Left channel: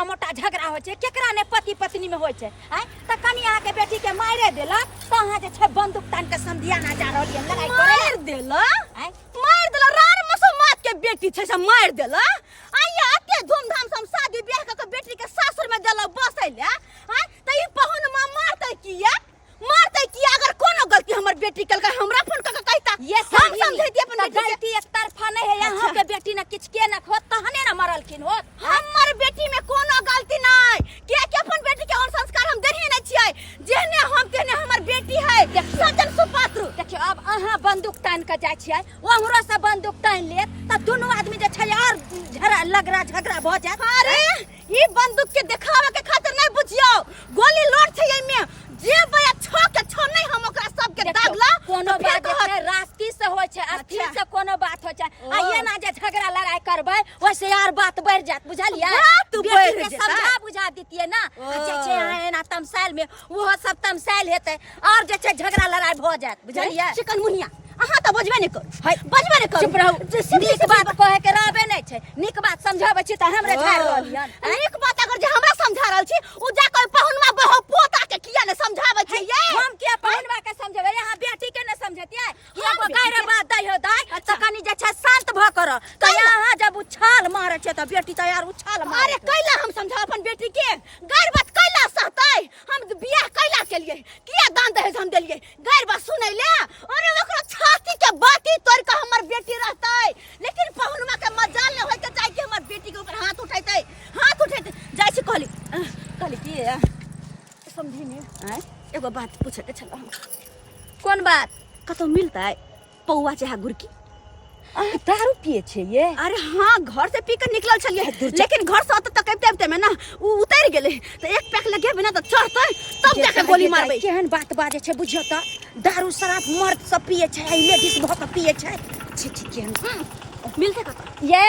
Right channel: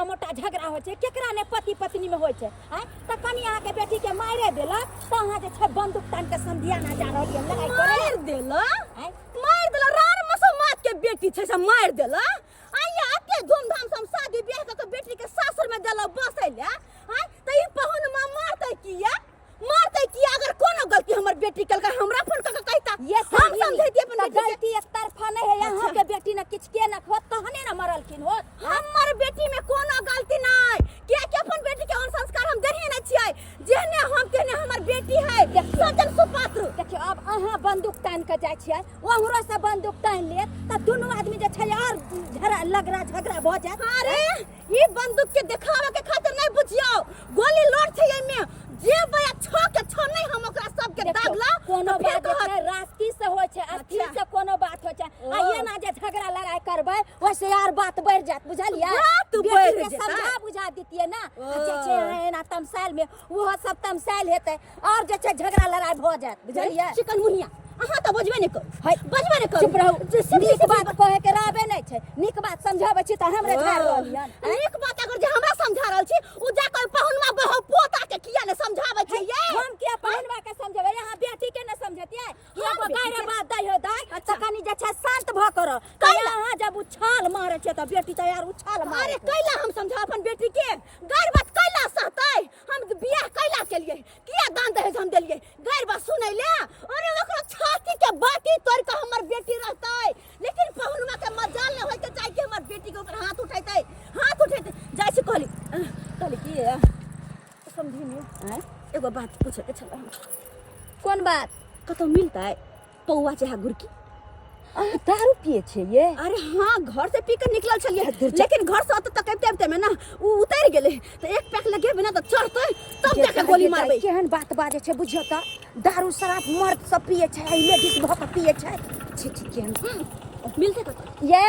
छोटा मोटा झगड़ा हो छे केकरा ने पति पत्नी में होय छे आय त कनी अहाँ के बेटी के मारे देला त अहाँ जे छे बंदूक तान के समधियाना जा रहल ये लड़ाई करे मार देला रार मसमात के बेटी छे से मार देला आइया एते धूमधाम से हम शादी ब्याह के बेटी के सासुर में देला बसैले आय त ई पहुन मां मारतै किया अगर कोनो गलती हमर बेटी कल का हमरा फोन क कहता ये हम समझैती अपन गलती एक तरफा नहीं है यहाँ के बेटी ने किछ के न होत तहने न मरलखिन होत हमर बेटी में कोनो गलती नहीं के अपन बेटी के और संस्कार हम देही नहीं छियै जेहने हम तेने हमर बेटी है सजन सुपात्र देखियो अब अहाँ बंदूक तान के जाय छियै ओहरो से बंदूक तान लेत त दोनों आदमी जे छै और झगड़ा भ जात अरे ई बंदूक के दिखावे के खातिर नहीं बुझियो गोली लोड छै एमे जे बया छो नहीं हम ओकरा सब के दागला कोनो बात छै रास्ती से होय छै अथी से कोनो बात होय छै आ ये ना जे झगड़ा लड़ाई करबै वैसे यार बात बढ़ जात बुझलियै तू बढ़ जेता समझा बुझा दितिए ना जे छै एना तमसाइल में वो सब तमसाइल हेतै और जे छै झगड़ा लड़ाई भ जात बुझलियै चिकन मुनिया अहाँ त बजबे नहीं कर चुप रहू नीक बात कहे के रहबे नहीं छै नीक बात समझाबै छी त हमरे झाड़ रहलियन नीक बात अगर जे हमरा समझा रहल छी उ जा के पहुनमा बहो पोता के किया ने समझाबै छी ये हम के पहुनवा के समझाबै यहाँ बेटी के न समझतियै ये बकायरे बात दै हो दै त कनी जे छै शांत भ कर त यहाँ जब उछाल मारे छै त बेटी त यार उछाल मारे अरे कैला हम समझा अपन बेटी के गैर बात कैला सहतै हम बियाह कैला के लिए किया दान दहेज हम देलिए गैर बात सुनै ले अरे ओकरा छाती के बाती तोड़ के हमर बेटी रहतै लेकिन पहुनमा के मजाल न होय के चाहि कि हमर बेटी के ऊपर हाथ उठैतै जाय छी कहली की समझी नहीं एगो बात पूछे के छला कोन बात कतो मिलतै पौवा चाहे गुरकी दारू पिए छे ये अरे हाँ घर से पी कर निकलल छलिए लेकिन घर से त कहते में ना उ उतर गेले तो एक पैक लगे बिना तो चढ़तै तब जाके गोली मारबै केहन बात बाजे छे बुझियो त दारू शराब मर्द सब पिए छे लेडीज बहुत पिए छे छी केहन मिलते कतो ये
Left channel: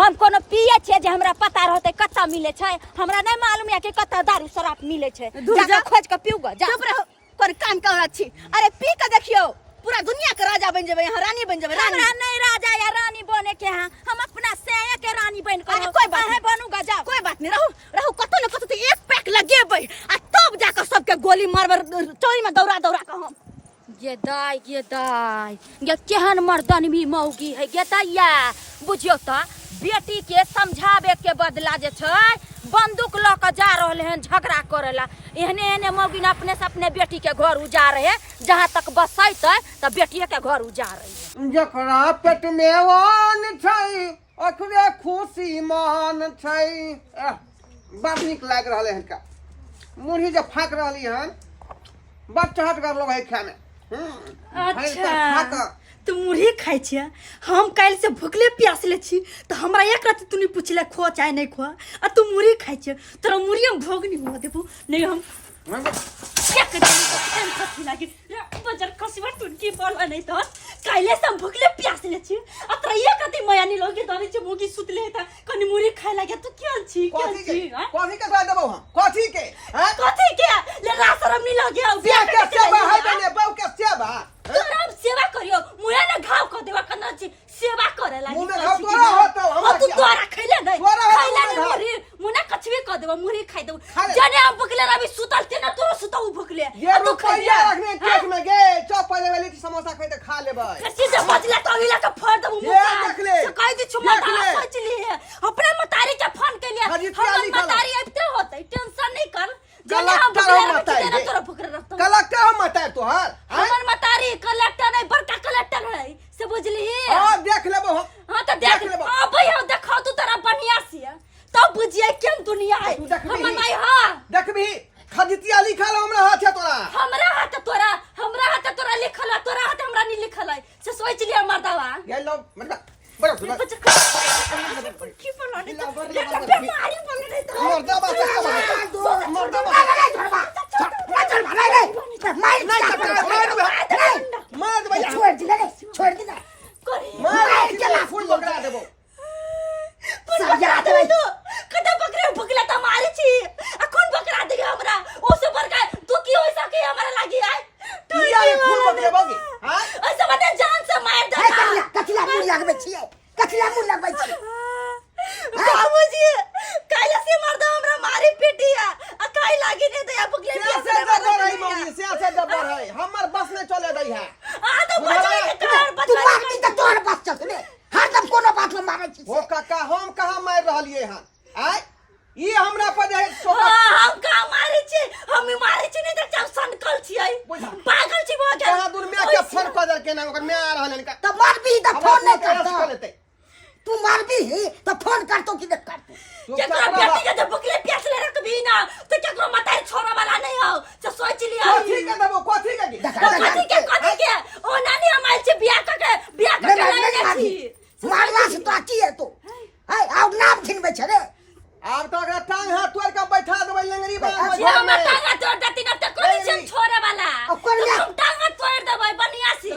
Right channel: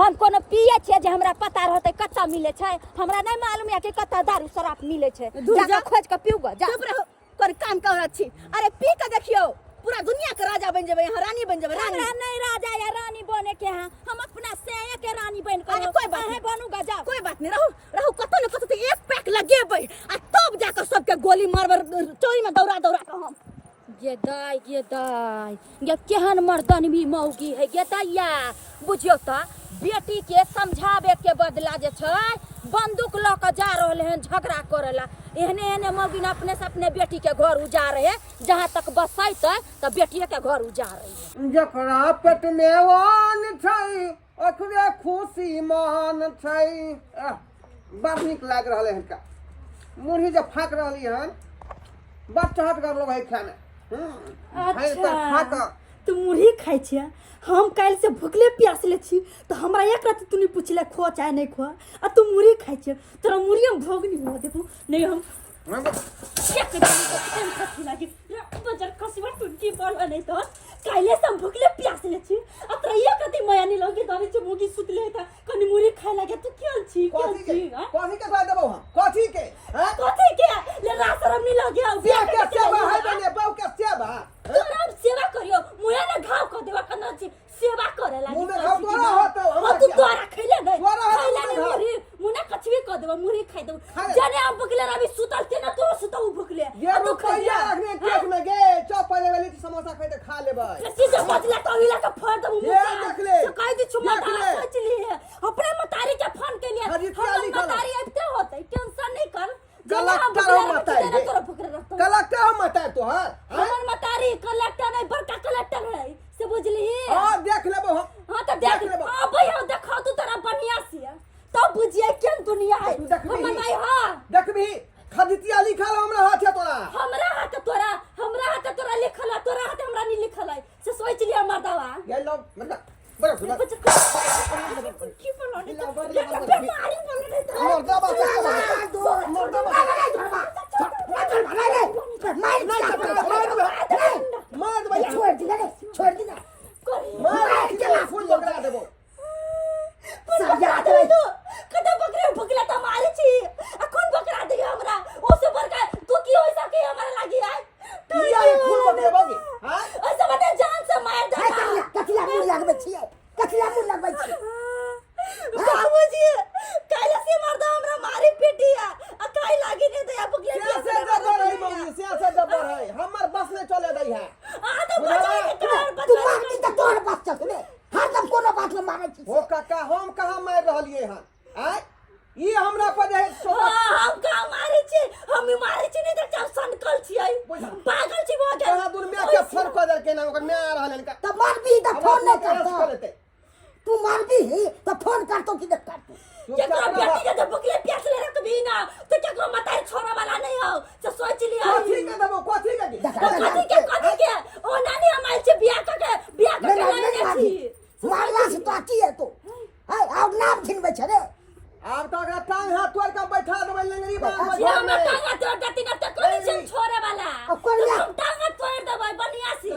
हम कोनो पिए छे जे हमरा पता रहते कत्ता मिले छे हमरा नहीं मालूम है कि कत्ता दारू शराब मिले छे जाके खोज के पीऊ ग जा चुप रहो कर काम कर छी अरे पी के देखियो पूरा दुनिया के राजा बन जेबै यहाँ रानी बन जेबै रानी हमरा नहीं राजा या रानी बने के हैं हम अपना सेया के रानी बन कर कोई बात नहीं बनूंगा जा कोई बात नहीं रहू कतो न कतो तो एक पैक लगेबै आ तब जाकर सबके गोली मारबर चोरी में दौड़ा के हम ये दाई ये केहन मर्दन भी मौगी है ये दैया बुझियो त बेटी के समझावे के बदला जे छै बंदूक ल के जा रहले हैं झगड़ा करेला एहने मौगी ने अपने से अपने बेटी के घर उजाड़ है जहां तक बसैतै त बेटिए के घर उजाड़ है जकरा पेट में वान छै ओकरे खुशी मान छै बड़ नीक लाग रहले हन का मुरही जे फाक रहली हन बड़ चहट कर लो भाई खाने अच्छा तू मुरही खाई छिया हम काल से भूखले प्यासले छी तो हमरा एक रात तूने पूछले खो चाहे नहीं खो आ तू मुरही खाई छिया तोरा मुरही हम भोग नहीं हो देबो नहीं हम एक दिन तो खान खसी लागे बजर खसीवा टुनकी बोलवा नहीं तो काले से हम भूखले प्यासले छी आ तोरा एक रात माया नहीं लगे दानी छ मोगी सुतले था कनी मुरही खाए लागे तू क्या छी कथी के खा देबो हम कथी के ले रासरम नहीं लगे बियाह के सेवा है बने बहु के सेवा तोरा सेवा करियो मुया ना घाव क देवा कना छी सेवा करे लागी मुने घाव तोरा होतो हम तू तोरा खैले नहीं तोरा खैला नहीं मुरी मुना कछवे क देवा मुरी खाई देबो जाने हम भुखले रवि सुतल ते ना तोरा सुतऊ भुखले ये रुपया रखने केक में गे चप पहले वाली समोसा खाई त खा लेबै सीधा बचला तो हिला के फोड़ देबो ये देख ले कह दी छु मता सोच लिए अपने मतारी के फोन के लिए हम मतारी अबते होते टेंशन नहीं कर कलेक्टर हम मतार तो हमर मतारी कलेक्टर नहीं बड़का कलेक्टर है से बुझली हां देख लेबो हां त देख लेबो हां भैया देखा तू तोरा बढ़िया से तब बुझिए केन दुनिया है हमर भाई हां देखबी खदितिया लिखल हमरा हाथ है तोरा हमरा हाथ तोरा लिखल है तोरा हाथ हमरा नहीं लिखल है से सोच लिया मर्दावा ये लो मतलब बड़ा सुना की बोलो नहीं मारी बोल नहीं तो मर्दावा छोड़ दे मार के फूल बकरा देबो सब याद है कदा बकरा भुकला त मारे छी अखन बकरा देगे हमरा ओसे बड़का तू की होई सके हमरा लागी आय किया ये फूल बकरे बोगी हां ऐसे मत जान से मार दे कथला मुंह लगबै छी बाबूजी काला से मर्द हमरा भागै छी ओ काका हम कहाँ मार रहलिए हन आय ई हमरा पर जे सोफा हम का मारे छी हम मारे छी नहीं त हम सनकल छियै पागल छी वो कहाँ दूर में के फोन कर दल के ना ओकर में आ रहलन का त मारबी त फोन नहीं करता लेते तू मारबी त फोन करतो कि नहीं करतो केकरा बेटी के जब भुखले प्यास ले रखबी ना तो केकरो मताई छोरा वाला नहीं हो तो सोच लिया कथी के देबो कथी के कथी के ओ नानी हम आइल छी बियाह के नहीं छी मारला से तो की है तो है आउ नाम खिनबे छ रे आब तो अगर टांग हाथ तोड़ के बैठा देबै लंगरी बांध ये हम टांगा तोड़ देती ना तो कोनी छी छोरे वाला हम टांगा तोड़ देबै बनियासी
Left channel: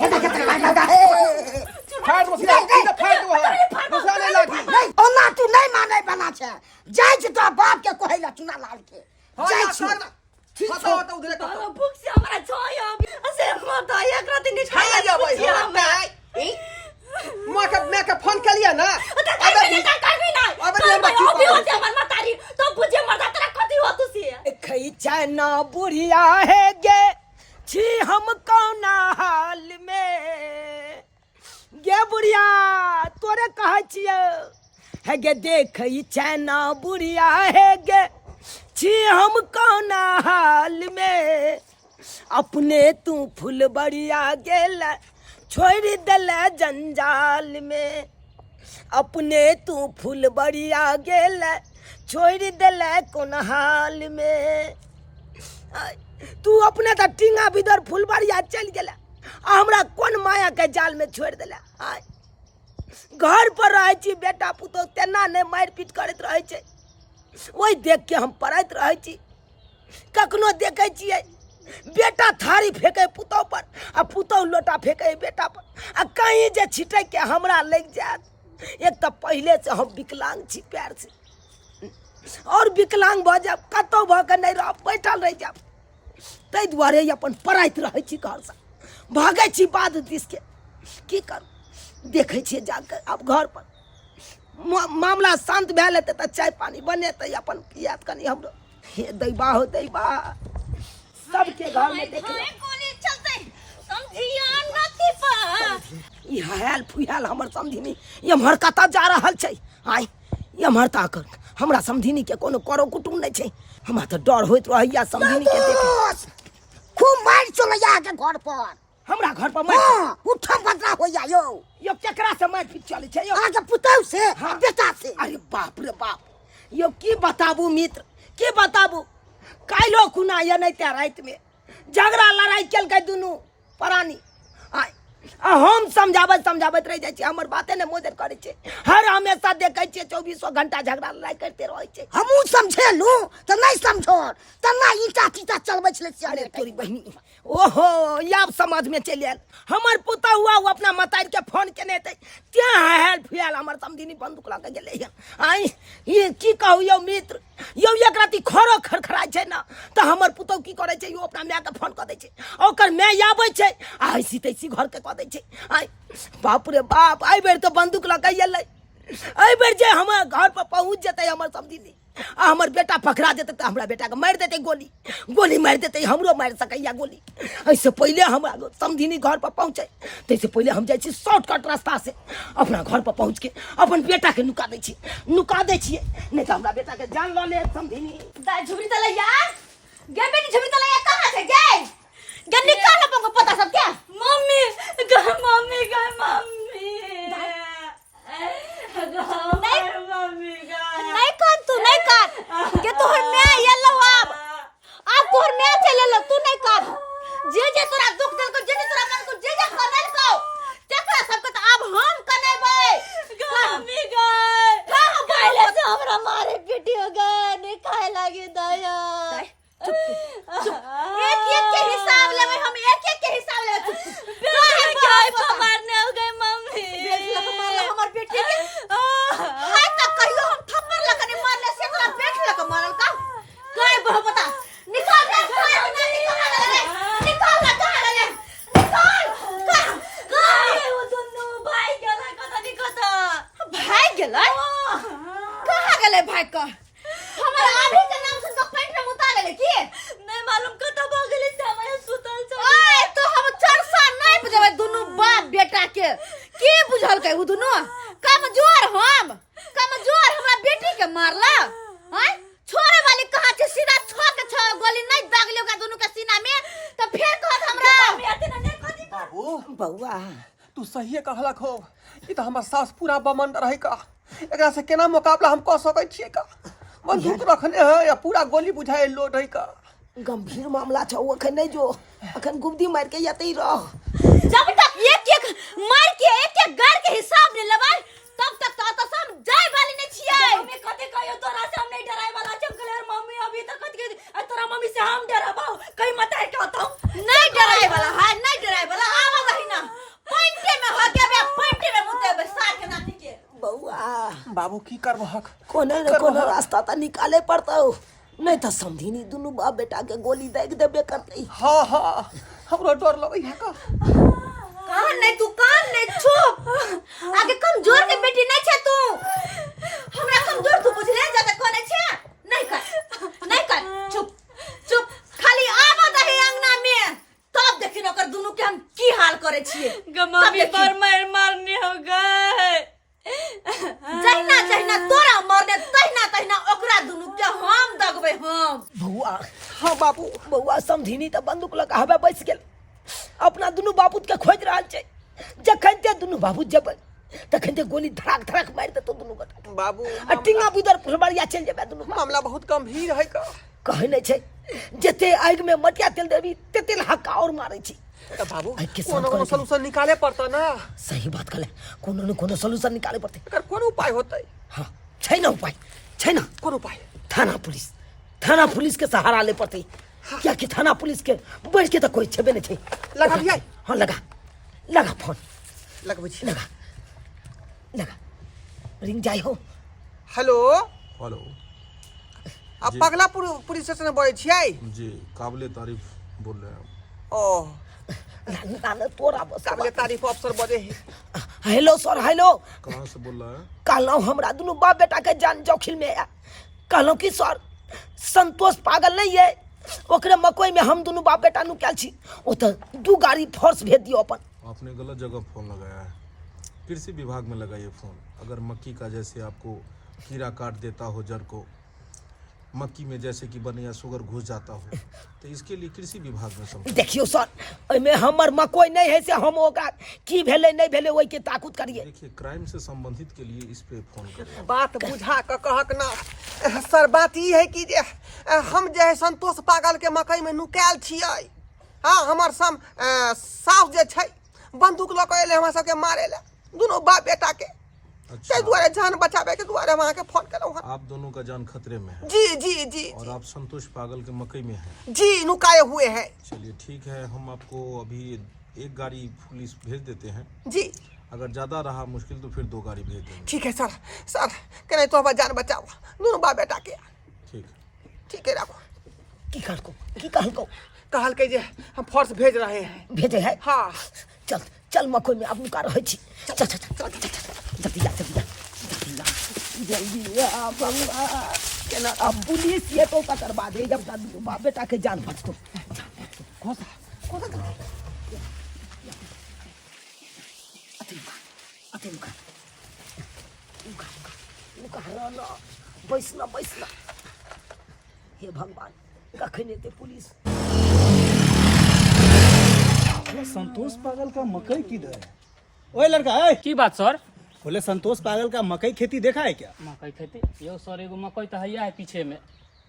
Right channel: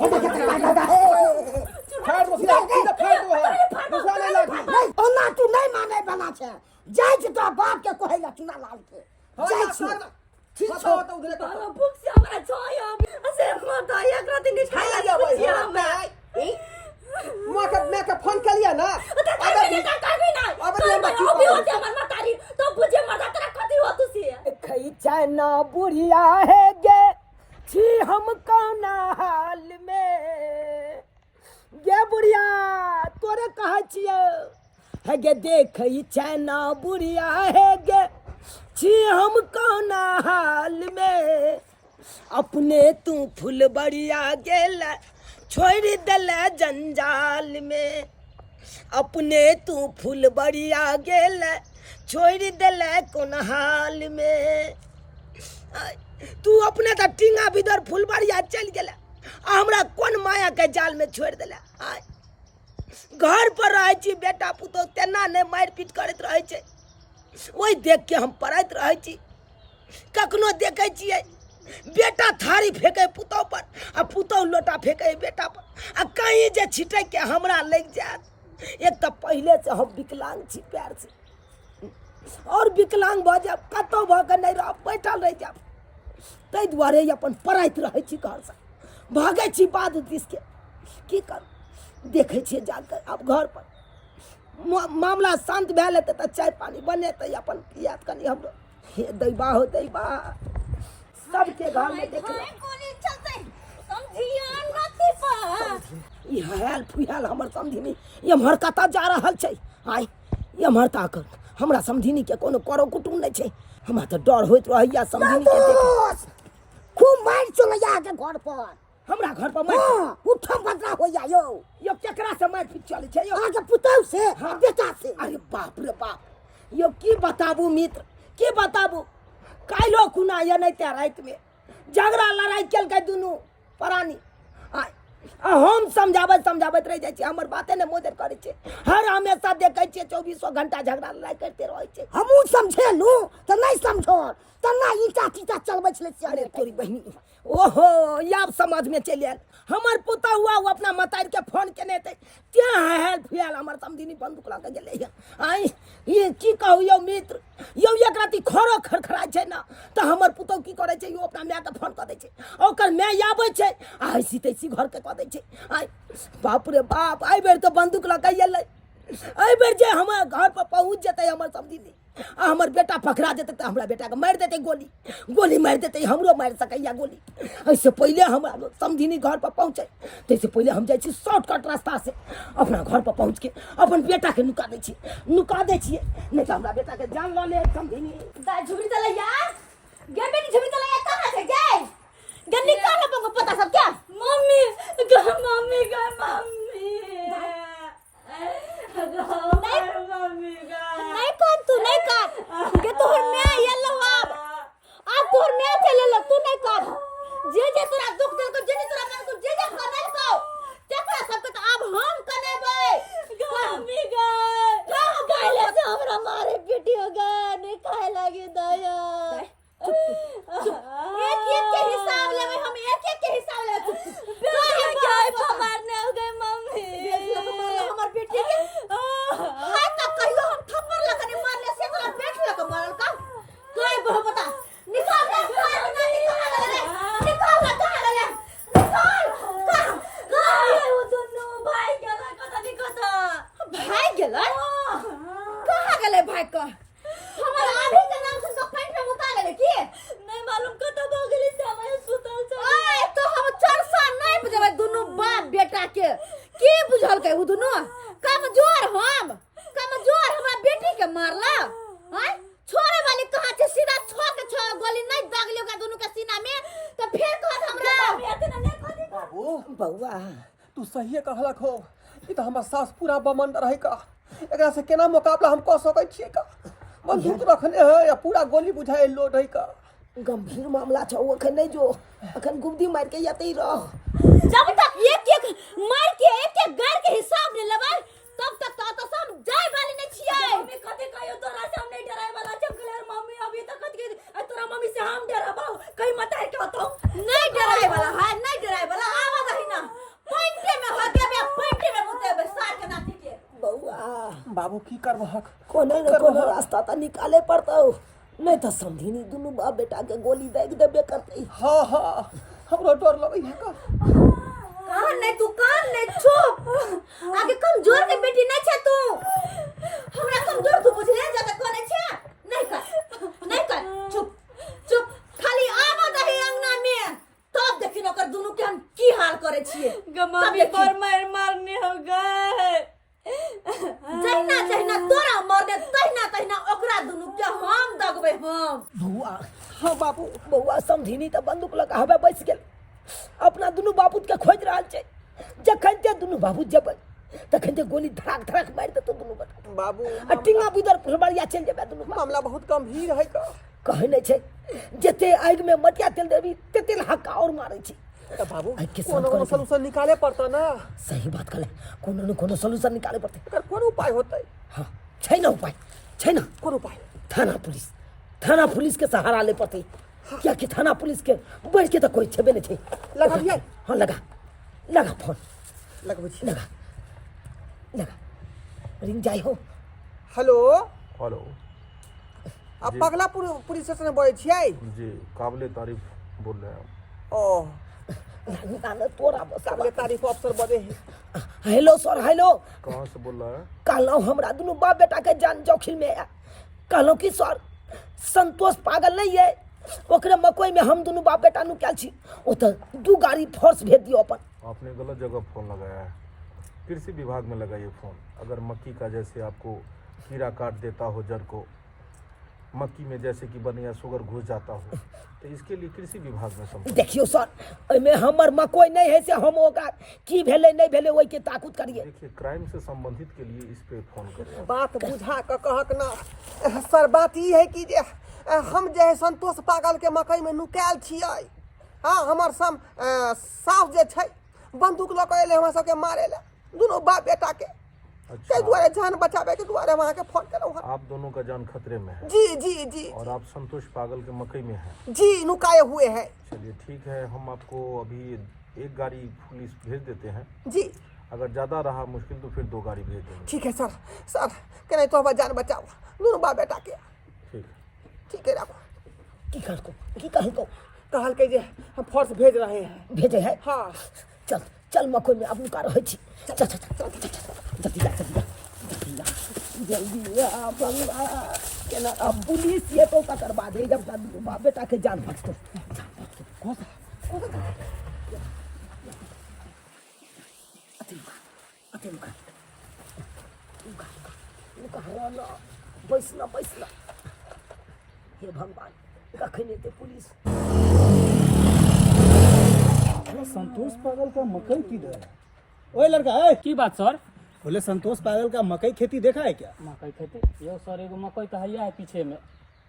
हेदा के दरवाजा है फाड़ दो सीधा फाड़ दो दूसरा नहीं लागी ओना तू नहीं माने बना छे जाय छ तो बाप के कहैला चुना लाल के जाय छ ठीक बताओ छौ तो उधर तो भूख से हमरा छोया असे मत एक रात नहीं खाया खाया जाबै हमें मैं के फोन कर लिया ना खैचना बुढ़िया है गे छी हम कौना हाल में गे बुढ़िया तोरे कहे छियै है गे देख चैना बुढ़िया है गे छी हम कौना हाल में अपने तू फुलबड़िया गेल छोड़ दल जंजाल में अपने तू फुलबड़िया गेल छोड़ दल कोन हाल में तू अपने तो टिंगा बिदर फुलबड़िया चल गेला हमरा कौन माया के जाल में छोड़ दिला घर पर रहे छी बेटा पुतो तेना नहीं मार पीट करत रहे छै वही देख के हम पढ़त रहे छी कखनो देखे छियै बेटा थारी फेंके पुतौ पर आ पुतौ लोटा फेंके बेटा पर आ कहीं जे छिटे के हमरा लग जात एक तो पहले से हम विकलांग छी पैर से और विकलांग भ जाब कतौ भ के नहीं रह बैठल रह जाब तै दुआरे अपन पढ़ाइत रहे छी घर से भागे छी बाद दिस के की कर देखे छियै जाकर अब घर पर मामला शांत भए लेते तो चाय पानी बनेते अपन पियात कनी हमरो हे दैबा हो दैबा सबके घर में देख ई हाल फुहाल हमर समझी एम्हर कतऽ जा रहल छै आइ एम्हर ताकर हमरा समझिनी के कोनो करो कुटुम नहीं छै हमरा तो डर होइत रहैया समझिनी के देखे खूब मार चलैया के घर पर हमरा घर पर मार उठम बदला होइया यो केकरा से मार पीट चले छै यो आगे पुतौ से बेटा से अरे बाप रे बाप यो की बताबू मित्र की बताबू काल्हो खुना ये नहीं त्या रात में झगड़ा लड़ाई केलकै दुनू प्राणी हम समझाबत रह जाए हमर बाते ने मोदर करे छे हर हमेशा देखे छे 24 घंटा झगड़ा लड़ाई करते रहे छे हमू समझेलू त नहीं समझो तना ईटा टीटा चलबै छले अरे तोरी बहिनी ओहो याब समझ में चल आयल हमर पुता हुआ वो अपना मतार के फोन केने ते त्या हेल फुयाल हमर समधिनी बंदूक लगा गेले आई ये की कहू यो मित्र यो एक राती खरो खरखराय छै ना त हमर पुतो की करे छै यो अपना माय के फोन क दै छै ओकर माय आबै छै आई सीतैसी घर के क दै छै आई बाप रे बाप आई बेर तो बंदूक लगा गेलै आई बेर जे हमर घर पर पहुंच जेतै हमर समधिनी आ हमर बेटा पकड़ा जेतै त हमरा बेटा के मार देतै गोली मार देतै हमरो मार सकैया गोली ऐसे पहले हमरा समधिनी घर पर पहुंचे तैसे पहले हम जाइ छी शॉर्टकट रास्ता से अपना घर पर पहुंच के अपन बेटा के नुका दै छियै नहीं तो हमरा बेटा के जान ल ले समधिनी झुमरी तलैया गे बेटी झुमरी तलैया कहां से गे गे निकाल अपन को पता सब क्या मम्मी मम्मी नहीं कान तू नहीं कान गे तोहर मैं ये लो अब तोहर मैं चले लो तू नहीं कान जे तोरा दुख दिल को जे तोरा मन को जे कनल को तेकरा सब के अब हम कनेबै मम्मी काले से हमरा मारे पीटी हो गए नहीं खाए लगे दया एक के हिसाब लेबै हम एक के हिसाब लेबै क्या मारने हो गए मम्मी हमर बेटी के हाय तक कहियो हम थप्पड़ लगने मारले से तोरा बेटी लग मारल का काय बहु बता निकाल दे निकाल वो दोनों भाई गेला कता निकता भाई गेलै कहां गेलै भाई का हमर आभी के नाम से तो पेट में मुता गेलै की नहीं मालूम कता भ गेलै से हम सुतल छ ओए तो हम चरसा नहीं बजबै दुनु बाप बेटा के की नहीं बुझल के दुनू कमजोर हमरा बेटी के मारला हैं छोरे वाली कहां छे सीधा छ गोली नहीं दागलियो का दोनों के सीना में तो फिर कहत हमरा बाबू बउआ तू सही कहलक हो ई तो हमर सास पूरा बमंड रहे का एकरा से केना मुकाबला हम क सकै छियै का बंदूक रखने है या पूरा गोली बुझाए लोड है का गंभीर मामला छौ अखन नहीं जो अखन गुब्दी मार के यतई रह जब तक एक मार के एक घर के हिसाब नहीं लेबै तब तक तो सब जाय वाली नहीं छियै मम्मी कथि कहियो तोरा से हम नहीं डराए वाला चमकलेर मम्मी अभी तक कथि तोरा मम्मी से हम डराबो कहीं मत है कहतो नहीं डराए वाला है नहीं डराए वाला आवा रही ना पॉइंटे में हो के पॉइंटे में मुते बसार के नाती के बउआ बाबू की करबहक कोने न कोनो रास्ता त निकाले पड़तौ नहीं तो समझी दुनू बाप बेटा के गोली देख देबे करतई हाँ हाँ हमरो डर लगै है का कान नहीं चुप आगे कमजोर के बेटी नहीं छे तू हमरा कमजोर तू बुझले ज्यादा कोने छे नहीं कर चुप खाली आवा दही अंगना में तब देखिन ओकर दुनू के हम की हाल करे छिए मम्मी पर मारने हो गए जहिना तोरा मरने तहिना ओकरा दुनू के हम दगबे हम बउआ हाँ बाबू बउआ समझी त बंदूक लगाबे बैस गेल अपना दुनू बापूत के खोज रहल छै जखन ते दुनू बापूत जेबै तखन ते गोली धड़ाक मार देतो दुनू गोटा बाबू टिंगा बुदर फुलबरिया चल जेबे दुनू मामला बहुत गंभीर है का कहै नहीं छै जते आग में मटिया तेल देबी तेल हक्का और मारै छी तो बाबू आइ के कोनो साथ सलूशन निकाले पड़ता ना सही बात कहले कोनो न कोनो सॉल्यूशन निकाले पड़ते एकर कोन उपाय होतै हाँ छै ना उपाय छै ना कोन उपाय थाना पुलिस के सहारा ले पड़ते क्या कि थाना पुलिस के बढ़ के तो कोई छेबे नहीं थे लगा दिया हाँ लगा फोन लगबै छी लगा रिंग जाई हो हेलो हेलो आप पगला पुलिस स्टेशन बोले छियै जी काबिले तारीफ बोल रहे हैं ओ ना तोरा बस काबिले तारीफ अफसर बोले है हेलो सर हेलो कहाँ से बोल रहा है कहलौं हमरा दुनू बाप बेटा के जान जोखिम में है कहलौं कि सर संतोष पागल नहीं है ओकरे मकई में हम दोनों बाप बेटा नुकाल छी ओ त 2 गाड़ी फोर्स भेज दियो अपन आपने गलत जगह फ़ोन लगाया है कृषि विभाग में लगाइए फ़ोन अगर मक्की का जैसे आपको कीड़ा काट देता हो जड़ को मक्की में जैसे कि बनिया शुगर घुस जाता हो तो इसके लिए कृषि विभाग में समझ देखियो सर में हमर मकई नहीं है से हम ओका की भेले नहीं भेले ओई के ताकुत करिए देखिए क्राइम से संबंधित के लिए इस पे फ़ोन करें बात बुझा के कहक ना सर बात ई है कि जे हम जे है संतोष पागल के मकई में नुकायल छियै हाँ हमर सास जे छै बंदूक लऽ के एले हमरा सबके मारे ले दुनू बाप बेटा के अच्छा दुआरे जान बचावे के दुआरे वहां के फोन करो आप दोनों का जान खतरे में है जी और आप संतोष पागल के मकई में हैं जी नुकाए हुए हैं चलिए ठीक है हम आपको अभी 1 गाड़ी पुलिस भेज देते हैं जी अगर ज़्यादा रहा मुश्किल तो फिर 2 गाड़ी भेज देंगे ठीक है सर कहीं तो हमारा जान बचाओ दोनों बाप बेटा के ठीक है रखो की कहलको कहल के जे हम फोर्स भेज रहे हैं भेजे है हाँ चल मकई में अब नुका रहे छी चल जल्दी आ बंगला केना अब पुलिस ये तो करवा दे जब तक बाप बेटा के जान बचतो बैसना हे भगवान कखन एते पुलिस संतोष पागल का मकई किधर है? ओए लड़का है की बात सर? बोले संतोष पागल का मकई खेती देखा है क्या? मकई खेती यो सर एगो मकई तो हैया है पीछे में।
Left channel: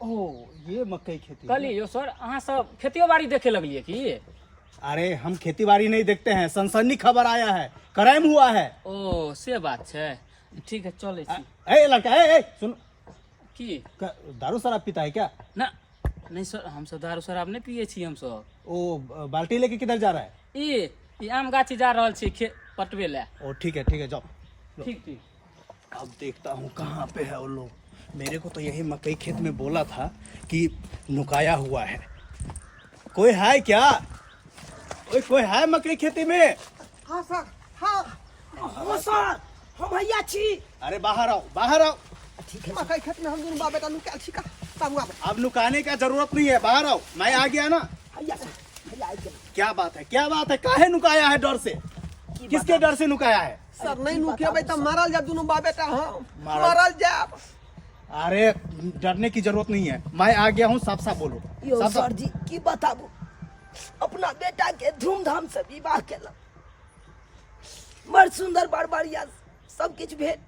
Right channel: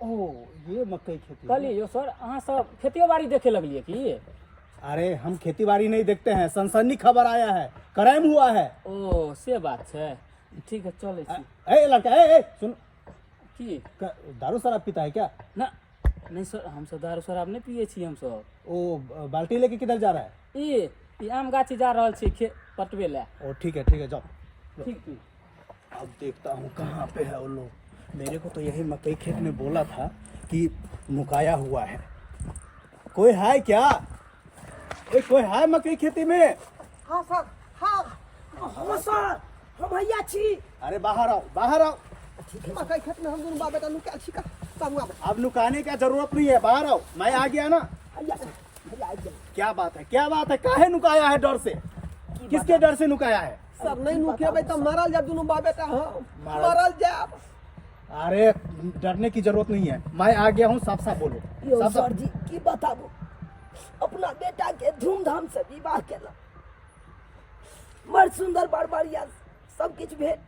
ओ ये मकई खेती कहलिए यो सर अहाँ सब खेतियो बाड़ी देखे लगलिए की? अरे हम खेती बाड़ी नहीं देखते हैं, सनसनी खबर आया है, क्राइम हुआ है। ओ से बात है, ठीक है चले छी। ए लड़का ए सुन की दारू शराब पीता है क्या? ना नहीं सर हम सब दारू शराब नहीं पिए छी हम सब। ओ बाल्टी लेके किधर जा रहा है? ई आम गाछी जा रहल छी पटवे ले। ओ ठीक है जाओ। ठीक अब देखता हूँ कहाँ पे है वो लोग। मेरे को तो यही मकई खेत में बोला था कि नुकाया हुआ है। कोई है क्या? कोई है मकई खेती में? हाँ सर हाँ हाँ सर हम भैया छी। अरे बाहर आओ। ठीक है मकई खेत में हम दोनों बाप बेटा नुकाल छी का बाबू अब नुकाने का जरूरत नहीं है, बाहर आओ। मैं आ गया ना। भैया आ गया। क्या बात है काहे नुकाया है? डर से? किसके डर से नुकाया है? सर नहीं नुकेबै त मारल जा दुनू बाप बेटा हम मारल? मारल जा। अरे डरने की जरूरत नहीं है, मैं आ गया हूँ, साफ साफ बोलो। यो साफ सर साफ जी की बताबू, अपना बेटा के धूमधाम से विवाह केला, बड़ सुंदर बड़ बढ़िया सब किछ भेल,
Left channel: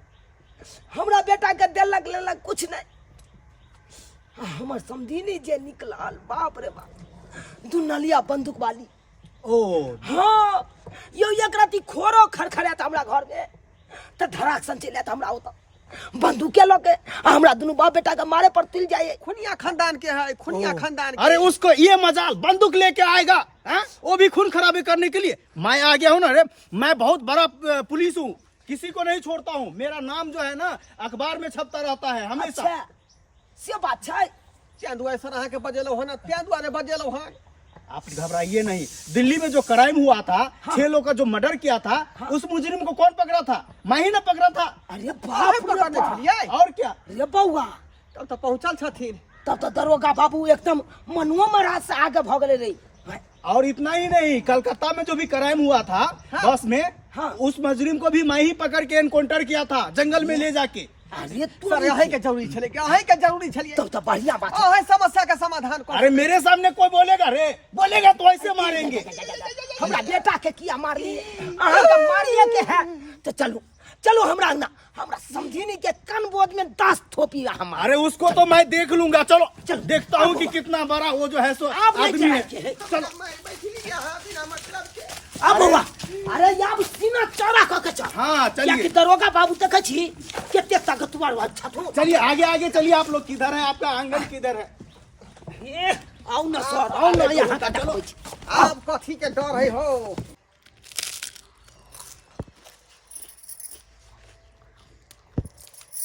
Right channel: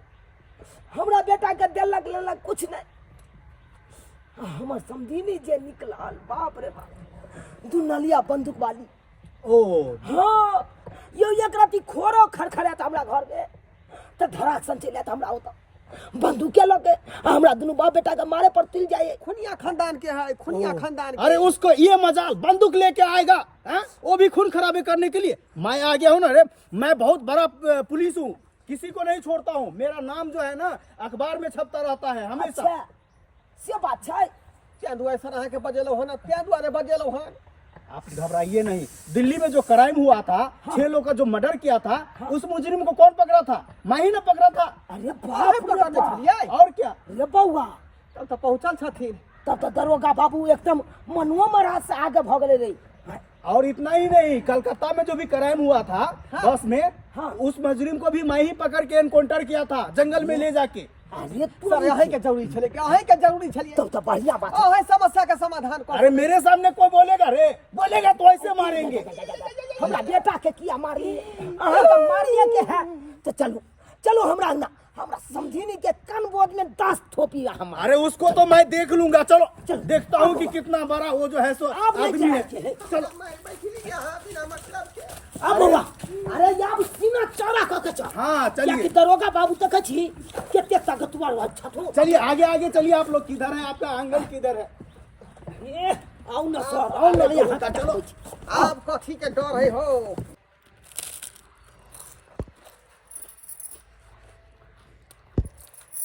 हमरा बेटा के देलक लेलक कुछ नहीं। हमर समझिनी जे निकलल, बाप रे बाप, दुनलिया बंदूक वाली। ओ हाँ यो एक राती खोरो खड़खड़ात हमरा घर में, त धड़ाक सन चले त हमरा होता बंदूक के लके हमरा दुनू बाप बेटा के मारे पर तिल जाए। खुनिया खानदान के है, खुनिया खानदान के। अरे उसको ये मजाल बंदूक लेके आएगा, हैं? वो भी खून खराबे करने के लिए। मैं आ गया हूँ ना रे, मैं बहुत बड़ा पुलिस हूँ, किसी को नहीं छोड़ता हूँ, मेरा नाम जो है ना अखबार में छपता रहता है हमेशा। अच्छा से बात छै, त्या दुआरे सर अहाँ के बजेलौ हन, त्या दुआरे बजेलौ हन। आप घबराइए नहीं, दिल्ली में जो क्राइम हुआ था, 6 लोग का जो मर्डर किया था, उस मुजरिम को कौन पकड़ा था? मैं ही ना पकड़ा था। अरे अरे बाप रे पकड़ने बाप, छलियै, और क्या? अरे बौआ, तब त पहुंचल छथिन। तब तो दरोगा बाबू एकदम मनुआ महाराज से आगे भगले रही। और इतना ही नहीं, कलकत्ता में जो भी क्राइम हुआ था बस में, हाँ। उस मुजरिम को भी मैं ही पकड़ के एनकाउंटर किया था, जंगल में ले जाके। अरे तू सर यही के जरूरी छले, कि अही के जरूरी छलिए। तब तो बढ़िया बात है। अही समस्या के समाधान कर। अरे मेरे सामने कोई बोलेगा रे, बोलेगा तो ऐसे मारेंगे। हमरा बेटा के किया मारली, अहाँ के मारिए के है, तो चलो चलो हमरा अंगना, हमरा समझिनी के कान बोध में 10 थोपी हम। अरे उसको तो मैं देख लूंगा, चलो देखता हूँ कि कितना बड़ा वो जो है सो आदमी है। चलो मैं बैठली यहाँ बिना मतलब के। अब बौआ, अरे याब सीना चौड़ा क के चल। हाँ क्या चलिए कि दरोगा बाबू तक छी केते ताकतवर अच्छा तो। चलिए आगे आगे चलिए। आप लोग किधर हैं? आपका आंगन किधर है? ए आओ ना सर, आओ ना यहाँ का चलो। आप कथी के डर है हो?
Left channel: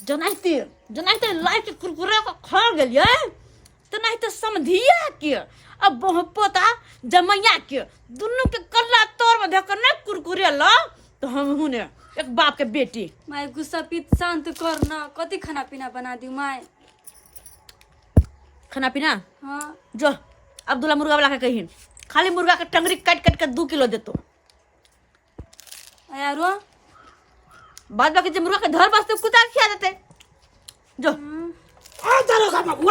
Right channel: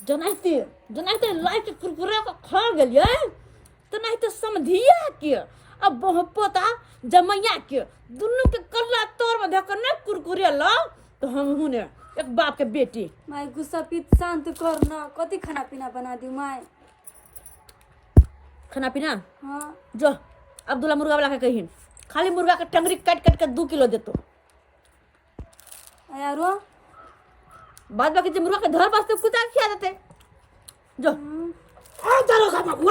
जनाइते लाइट कुरकुरा के खा गेलिए, तो नहीं तो समधिया के अब पोता जमैया के दुनू के कल्ला तोर में धकर ना कुरकुरे ला, तो हम हुने एक बाप के बेटी। माय गुस्सा पीत शांत कर ना, कति खाना पीना बना दी माय। खाना पीना हाँ जो अब्दुल्ला मुर्गा वाला के कहिन, खाली मुर्गा के टंगरी काट काट के 2 किलो देतो, यारो बाद बाकी जो मुर्गा के धर बसते कुत्ता के खिया देते। जो आ दरोगा बाबू, आ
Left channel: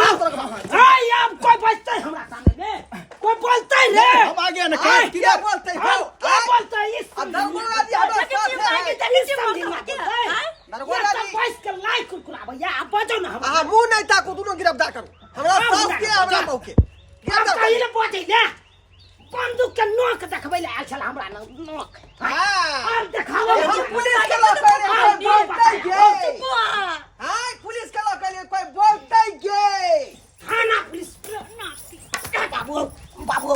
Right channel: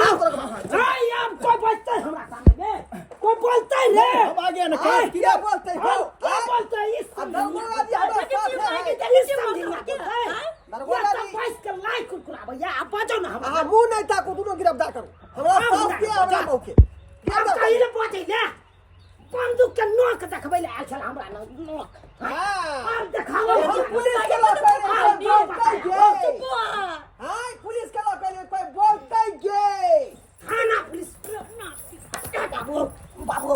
याब कोई बचते हमरा सामने में, कोई बोलते रे। हम आ गया ना। क्या बोलते हो? क्या बोलते है इस दरोगा जी हमारे साथ है। दरोगा जी पैस के लाइक कुरकुरा भैया, आप बजो ना हमरा। अहाँ मुंह नहीं ताकू, दुनू गिरफ्तार करू। हमरा साथ के हमरा मौ के अब कहीं ने पहुंचे ना, बंदूक के नोक देखबै ले आयल छल हमरा नोक। हां अब देखाओ पुलिस के लोग बोलते गे। हां पुलिस के लोग कोई बोलते गे। थाना पुलिस बाबू बाबू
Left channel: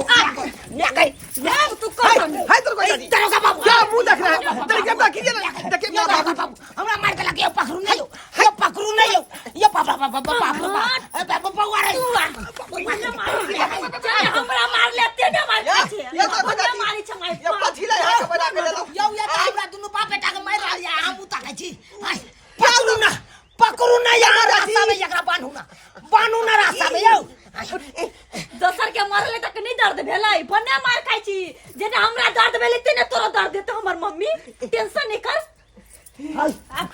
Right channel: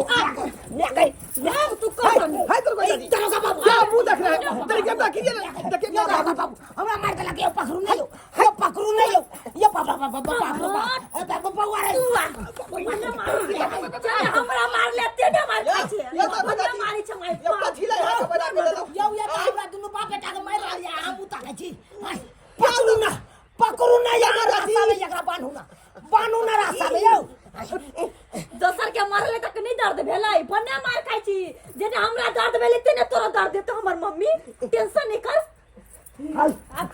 नेकै नाम तू कर हाय दरोगा जी, दरोगा बाबू क्या मुंह देख रहे हैं? देखिए ना कीजिए ना, देखिए क्या बाबू बाबू हमरा मार के लगे पकड़ू नहीं, ये पकड़ू नहीं, ये बाबा बाबा बाबा बाबा बाबा रे हमरा मार लेते ना मार ये तो हमरा मारी छ मार ये कथी ले यहाँ के बना के ले लो। यो ये हमरा दुनु बाप बेटा के मार रहल या हम उता छी। पकड़ू ना यार, रास्ता में एकरा बान्हू ना रास्ता में यो। दोसर के मारले तक नहीं दर्द भेलै, बने मार खाइ छी, जेने हमरा दर्द भेलै तेने तोरा दर्द देतो हमर मम्मी। टेंशन नहीं कर।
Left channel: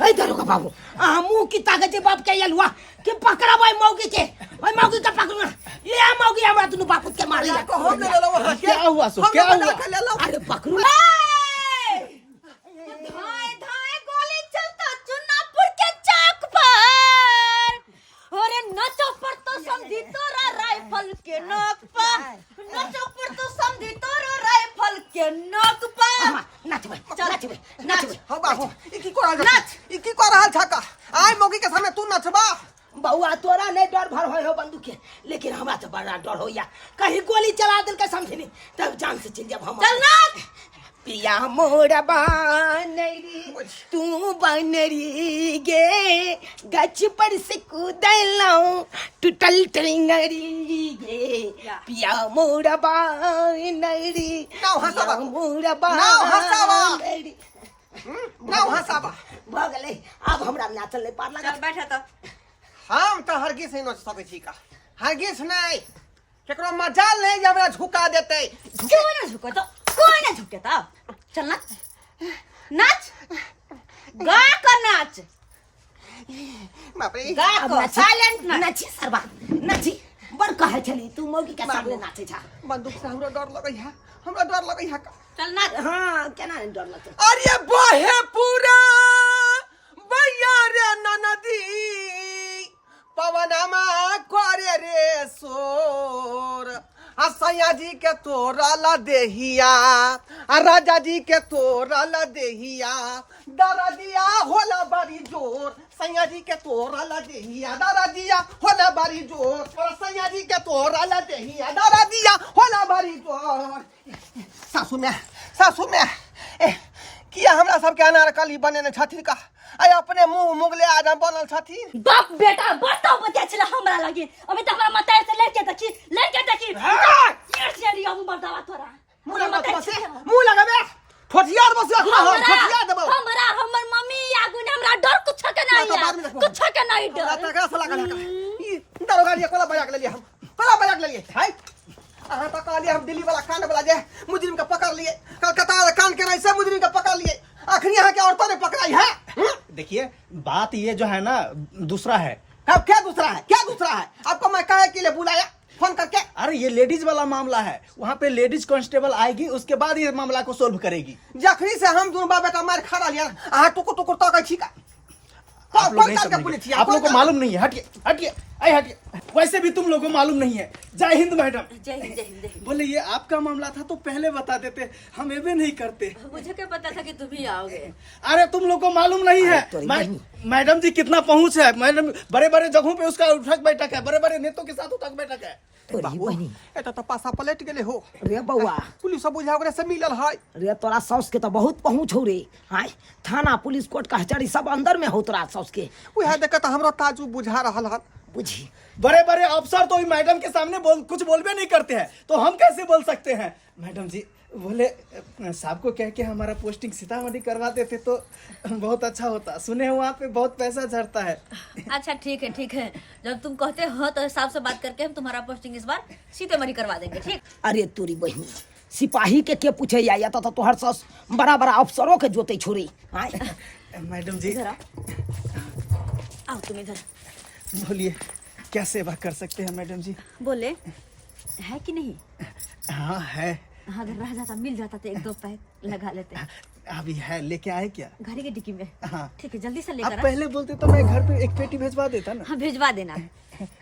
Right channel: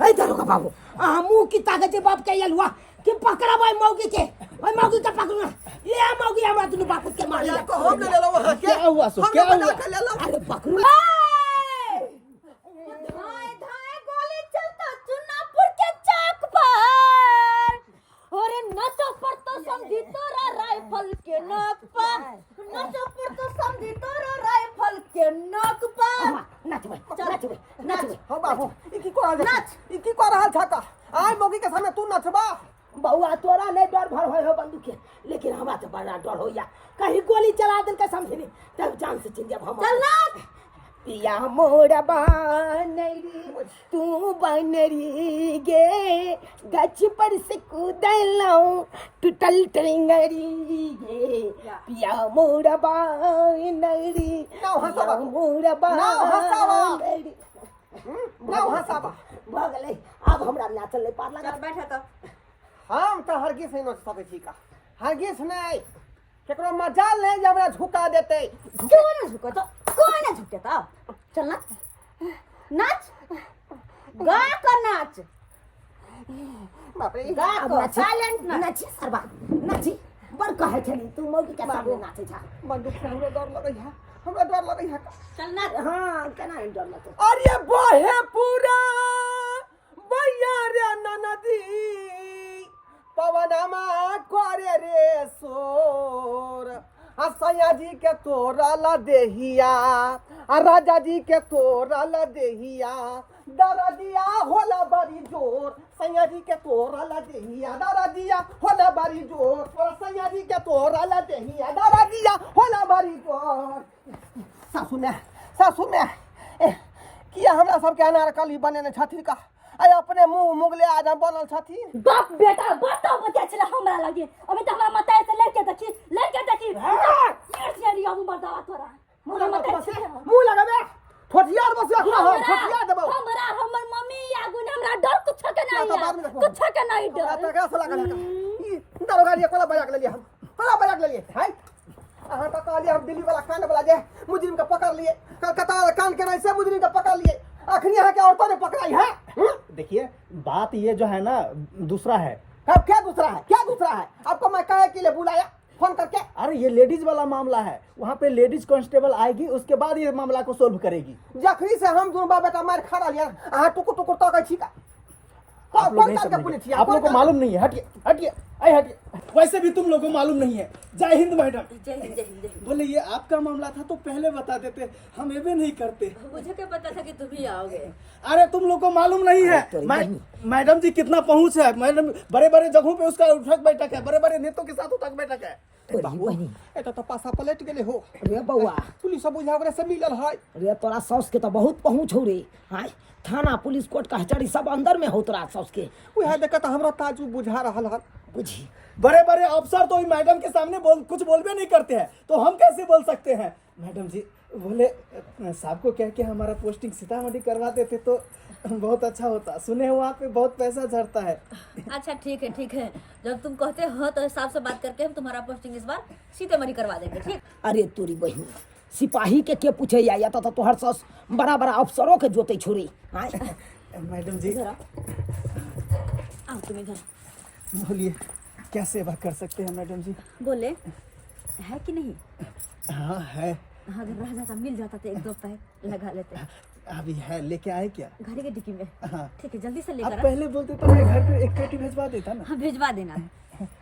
है दरोगा बाबू, मुंह की ताकत बाप के यलवा कि पकड़ा भाई मौगी के, भाई मौगी का पकड़ू ना, ये मौगी हमरा दुनु बाप के मार लिया। को हम ले लो वहां क्या हुआ सो? क्या हुआ? ले लो। अरे पकड़ू धाय धाय गोली चलता चुनापुर के चौक पर, अरे नचो पर तो समझी तोरा राइफल के नोक पर, नचो पर तो समझी तोरा राइफल के नोक पर। नाच भाई नाच भाई नाच भाई। हो बाबू ई की कर रहल छ? ई की कर रहल छ का? आइ मौगी के सामने तू नचबा? बउआ तोरा नहीं डर भर होय हो बंदूक के, लेकिन हमरा तो बड़ा डर हो या कहीं गोली चला दिल के समझे नहीं तब जान से चल जब हम। चल नाच। पिया मोरा बनरी तू बनरी गे, गच पर से कूदलऊ टूटल टेंगरी गे, पिया मोरा बनरी नाउ हंसावा, मोरा नाउ हंसावा। बनरी। नाउ हंसावा। भ गेलै, अब हमरा नाचल नहीं पार लगा। चल बैठा तो। हम तो हरगिज नहीं नच सकै छी का, हरगिज नहीं। केकरो मजाल नहीं जे हमरा झुका देते। क्यों ना झुको तो, कोई ना झुके तो। चल नाच नाच। गा कर नाच बाप रे गा कर साइलेंट नाच नाची सरबा नाची बड़ कहे छली तू मौगी के सामने नाचे छा बंदूक से हमरा डर लगै है, हमरा डर लगै है। चल नाच हां केना नहीं डर लगतो अरे बहे पूरा भैया रे ननदी पवनमा करे रे सोर, आ सैया जी के तोरल देहिया, आ राजा जी के तोरल देहिया, दरदिया होला बड़ी जोर, सैया जी के तोरल देहिया, दरदिया होला बड़ी जोर, और सैया जी के तोरल देहिया, दरदिया होला बड़ी जोर। सासू में किया हमरा सबके अनारकली बनेने छथिन का, आय अपने मुंह मुगले आदम बनल छथिन। बाप बेटा बताओ बता चला हमरा लगे अभी तक हमरा मताए से लड़के देखी यार से रिया मर्दावा तोरा मुंह लगाबे ठोठियार बस रखना ठोठियार देबो हमरा हमर मम्मी आगु ने हमरा डर कुछ के नहीं कुछ के नहीं डर तका से लागल ई दरोगा जी कोला बजा के लेलिए, हम कोला बजा के लेलिए है। अहाँ तो कहलिए हम दिल्ली वाला कांड वाला जे मुजरिम का पकड़ लिए, कलकत्ता वाला कांड के से मुजरिम का पकड़ लिए, आखिरी यहाँ के औरतों ने पकड़ाई है। देखिए बात ये जो है ना दूसरा है। क्या दूसरा है, क्या दूसरा है? आपको मैं काहे के लिए बुलाया फोन करके? अरे ये लेडीज वाला मामला है, वहाँ पे लेडीज कांस्टेबल आएगी, उसके बाद ये मामला को सोल्व करेगी। जखनी से हम दोनों बाप बेटा मार खा लिया, अहाँ टुकुर टुकुर तक छी का? आप लोग नहीं समझेंगे, आप लोगों को मालूम नहीं है। हटिए हटिए हटिए, वैसे भी तुम लोगों को मालूम नहीं है। जय हिंद मैडम। जय हिंद जय हिंद। बोले ये आपका मामला था तो पहले बता देते, हम ये भी नहीं करते। मुझे क्या पता था कि तुम ही आओगे। अरे तुम लोग को मालूम नहीं है मैडम जी कितना पहुंच है। मैडम बड़े बड़े जगहों पे उसका उठक बैठक है, बड़े बड़े नेताओं के साथ उठक बैठक है। एटा तो पासा पलट गेले हो रे बउआ पुलिस सब बुझा ओकरे से मिलल है। रे तोरा सौस के तो बहुत पहुंच हो रे। हाय थाना पुलिस कोर्ट कचहरी सब अंदर में हो तोरा सौस के। उहे देख त हमरा ताजू बुझा रहल है। बुझी बड़े बड़े अफसर तो मैडम के सामने कुछ बोलबे नहीं करते हैं, तो हम कैसे बोल सकते हैं। मैडम जी बोले साहब को कह के हमारा पोस्टिंग सीतामढ़ी करवा देते तो बहुत अच्छा होता। सुने वहाँ पे बहुत पैसा झड़ता है। अच्छा ठीक है, जब तुम कहते हो तो हिसाब से बात करके हम तुम्हारा पोस्टिंग इस बार सीतामढ़ी करवा देंगे। ठीक। अरे तोरी बहनी सिपाही के पूछे या तो तोहर सौस बड़ा बड़ा अफसरों के जोते छोड़ी। हाय मैडम जी आओ तुम इधर। बोलिए क्या सेवा कर सकते हैं मैडम जी। बोले है कि नहीं? हाँ है। हाँ, अगर रह जाता मिल जाता तो एक दो पैक लगा लेते। अभी है, लेके आए क्या? गाड़ी के डिक्की में। हाँ ठीक है, जल्दी से आप लेकर आ। पहले बोलते तो मैं घर पे एक पेटी भेजवा देता ना। हाँ भिजवा देना।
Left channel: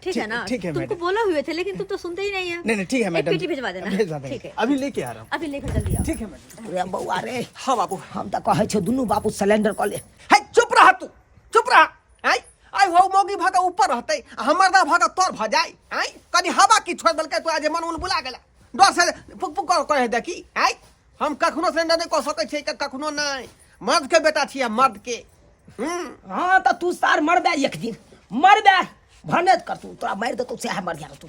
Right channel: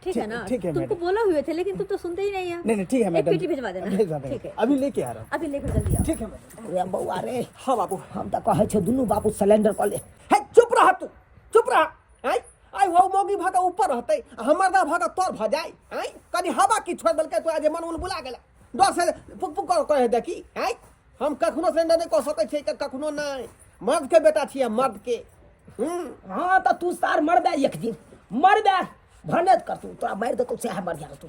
ठीक है ना? ठीक है तुमको मैडम। बोला हुए थे लेकिन तुम तो सुनते ही नहीं है। नहीं ठीक है मैडम, एक पेटी भिजवा देना। भेजवा देंगे। ठीक है, अभी लेके आ रहा हूँ। अभी लेकर जल्दी आओ। ठीक है मैडम। रे बउआ रे हाँ बाबू हम तो कहे छे दुनू बाबू सिलेंडर क ले। है चुप रह तू, चुप रह। है आई हो मौगी भागा ऊपर रहते, हमर दा भागा तोर भ जाए। है कनी हवा की छोड़ देलकै तो आज मन बुला गेला, डर से पुक पुक कहे देखी। है हम कखनो सिलेंडर नहीं कह सकै छी, कखनो नहीं। मर्द के बेटा छियै, मर्द के। हाँ तो तू सार मर बे एक दिन मर बे भनत कर तू तोरा मार दे तो से मर गया तू।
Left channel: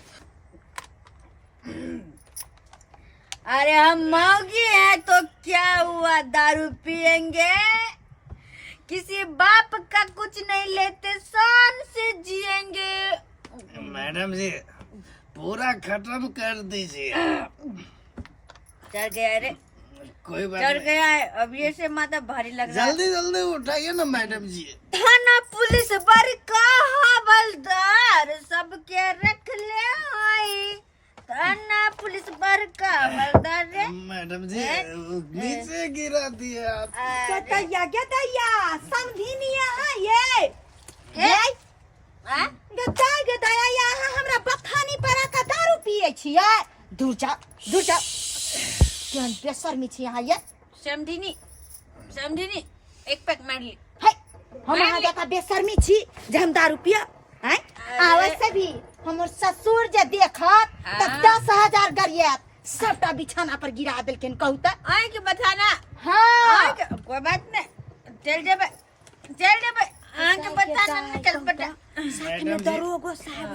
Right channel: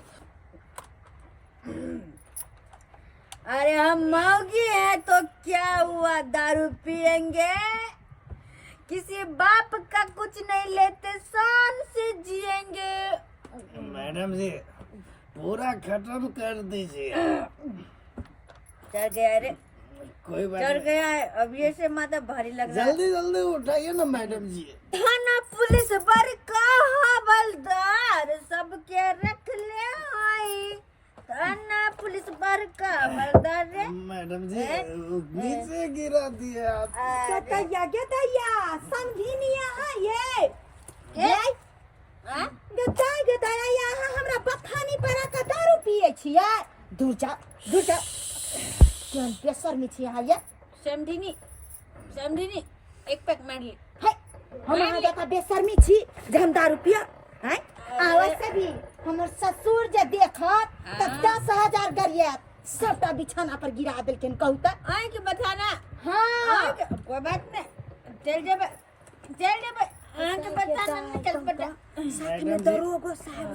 अरे हम मौगी हैं तो क्या हुआ, दारू पियेंगे, किसी बाप का कुछ नहीं लेते, शान से जिएंगे। मैडम जी पूरा खत्म कर दीजिए। चढ़ गया रे, कोई बात चढ़ गया है। अब ये से माथा भारी लग रहा है। जल्दी जल्दी उठाइए ना मैडम जी। थाना पुलिस बड़का हवलदार सबके रख ले आई। थाना पुलिस बड़का हवलदार रे। मैडम जी नीचे गिरा दिए आप। गदया समझिनिया ये गदया यहाँ हमरा बथानी पर का दारू पिए छियै। दूर जा केहन बेशर्मी छी यहाँ ये। समझिनी एक पैक मार ली। है हम यहाँ जका बेशर्मी छी जे हम दारू पिया। हैं आवश्य भी हमर ससुर जे देखत त 10,000 गरियत सबटा बिछाना पर गिरा देलखिन। कहू त आई के बताना। हाँ कोई बात नहीं, चल जेबे आं के बताना निकल बेटा। साथ में दरोगो साहब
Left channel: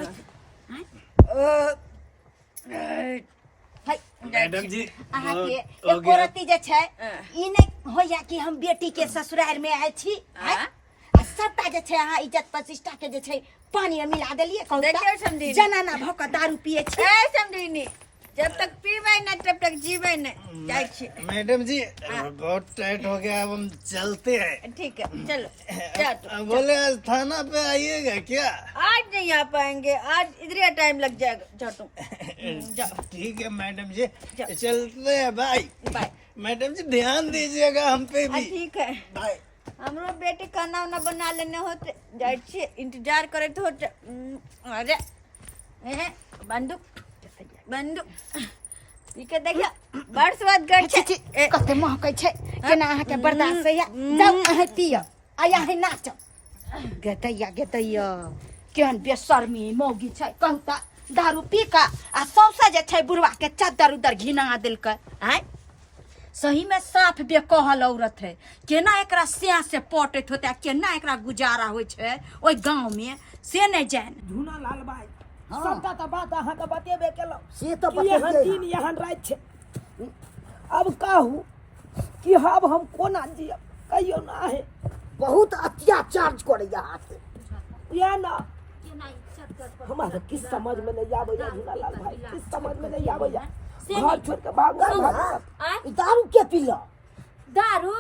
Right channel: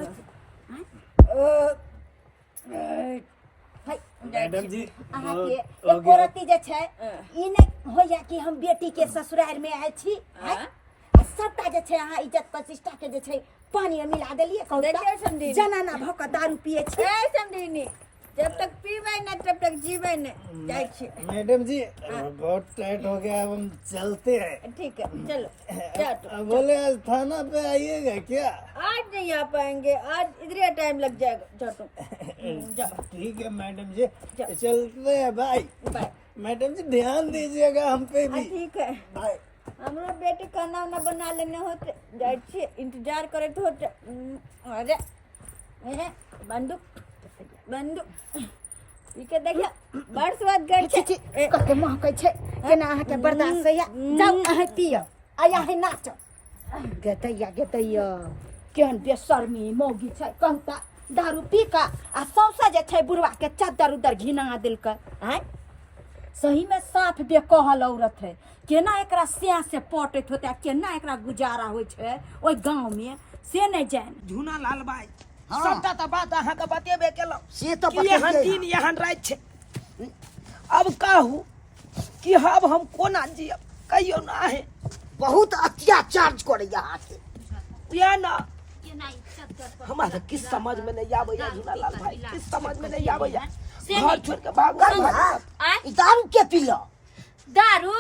मैडम जी अहाँ के एक औरती जे छै ई नहीं होया कि हम बेटी के ससुराल में आए छी। आ सबटा जे छै अहाँ इज्जत प्रतिष्ठा के जे छै पानी में मिला देलिए। कहू देखियो त समझी जनाना भक दारू पिए छी। ए समझिनी जब तक पीबै नहीं तब तक जीबै नहीं। जाए छी। मैडम जी बहुत टाइट हो गया, अब हम चलते हैं। ठीक है चलो जा तुम। बोले आज थाना पे आइएगा क्या? आज नहीं आ पाएंगे, आज इधर टाइम लग जाएगा। जाओ तुम जाओ। ठीक है मैडम जी, चलते हैं। Bye bye. मैडम जी ध्यान दीजिएगा हम पे भी। ठीक है। बाय। हमरो बेटी खाना उना बना लेने होते, जाए छी इंतजार करे तो होते। अरे बंदूक बंदूक ठीक है देखिए बड़ स्वाद गड़ छी कते महकै छै केना अहाँ के बर्दाश्त है जाऊ अहाँ पियो आया है नाच गेतैया केहन बेशर्मी मौगी छै कहता दारू पी का आ सौसा जे छै बुढ़वा के चादर उदर घिना देलकै हैं। सही में साफ बेकहल औरत है, केना एकरा स्याह से पटैत होते, केना एकरा गुजारा होइ छै ओइ गांव में से नहीं जाने। झूना लाल भाई सबटा तो बात अहाँ के बतेबे केलौ से तो कि यहाँ दिन यहाँ रात छै। अब कहू कि अब हम कोना जियब कहियो ना है। बहुत अत्याचार करे यहाँ के। या ना हमारा तो किस समझ में नहीं आवे झूना लाल भाई, किस समझ में नहीं आवे। घर छोड़ के भाग दारू के पीला दारू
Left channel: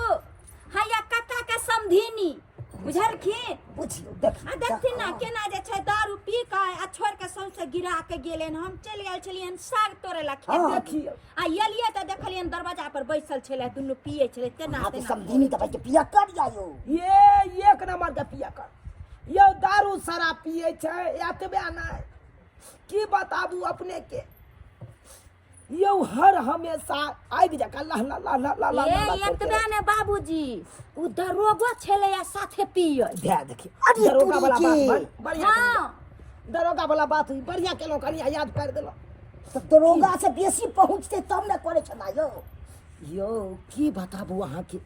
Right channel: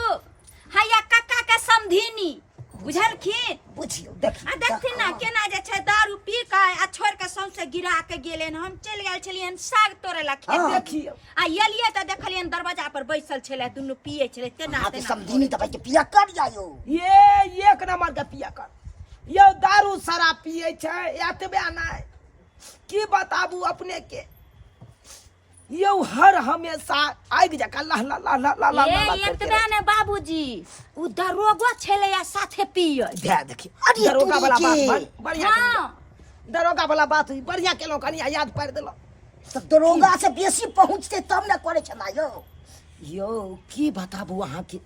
हैया काका के समधिनी बुझलखिन बुझियो देख आ देखथिन ना केना जे छै दारू पी के आ छोड़ के सौंसे गिरा के गेलेन। हम चल गेल छलियन साग तोड़े ला खेत देखियो आ एलिए त देखलियन दरवाजा पर बैसल छले दुनु पिए छले तेना हाँ तो तेना समझी दबाई के पिया कर जायो। ये एक नंबर के पिया कर यो दारू शराब पिए छै एतबे नहीं की बताबू अपने के। यो हर हमेशा आगि जका ला ला ला ला ला ला ए एतबे ने बाबूजी उ दरोगा छले या साथे पिए दे देखी दरोगा वाला बात बढ़िया हां दरोगा वाला बात बढ़िया केलो कनिया याद पार देलो। तो दरोगा से बेसी पहुंचते तब न करे छला यो। यो की बताबू अहाँ के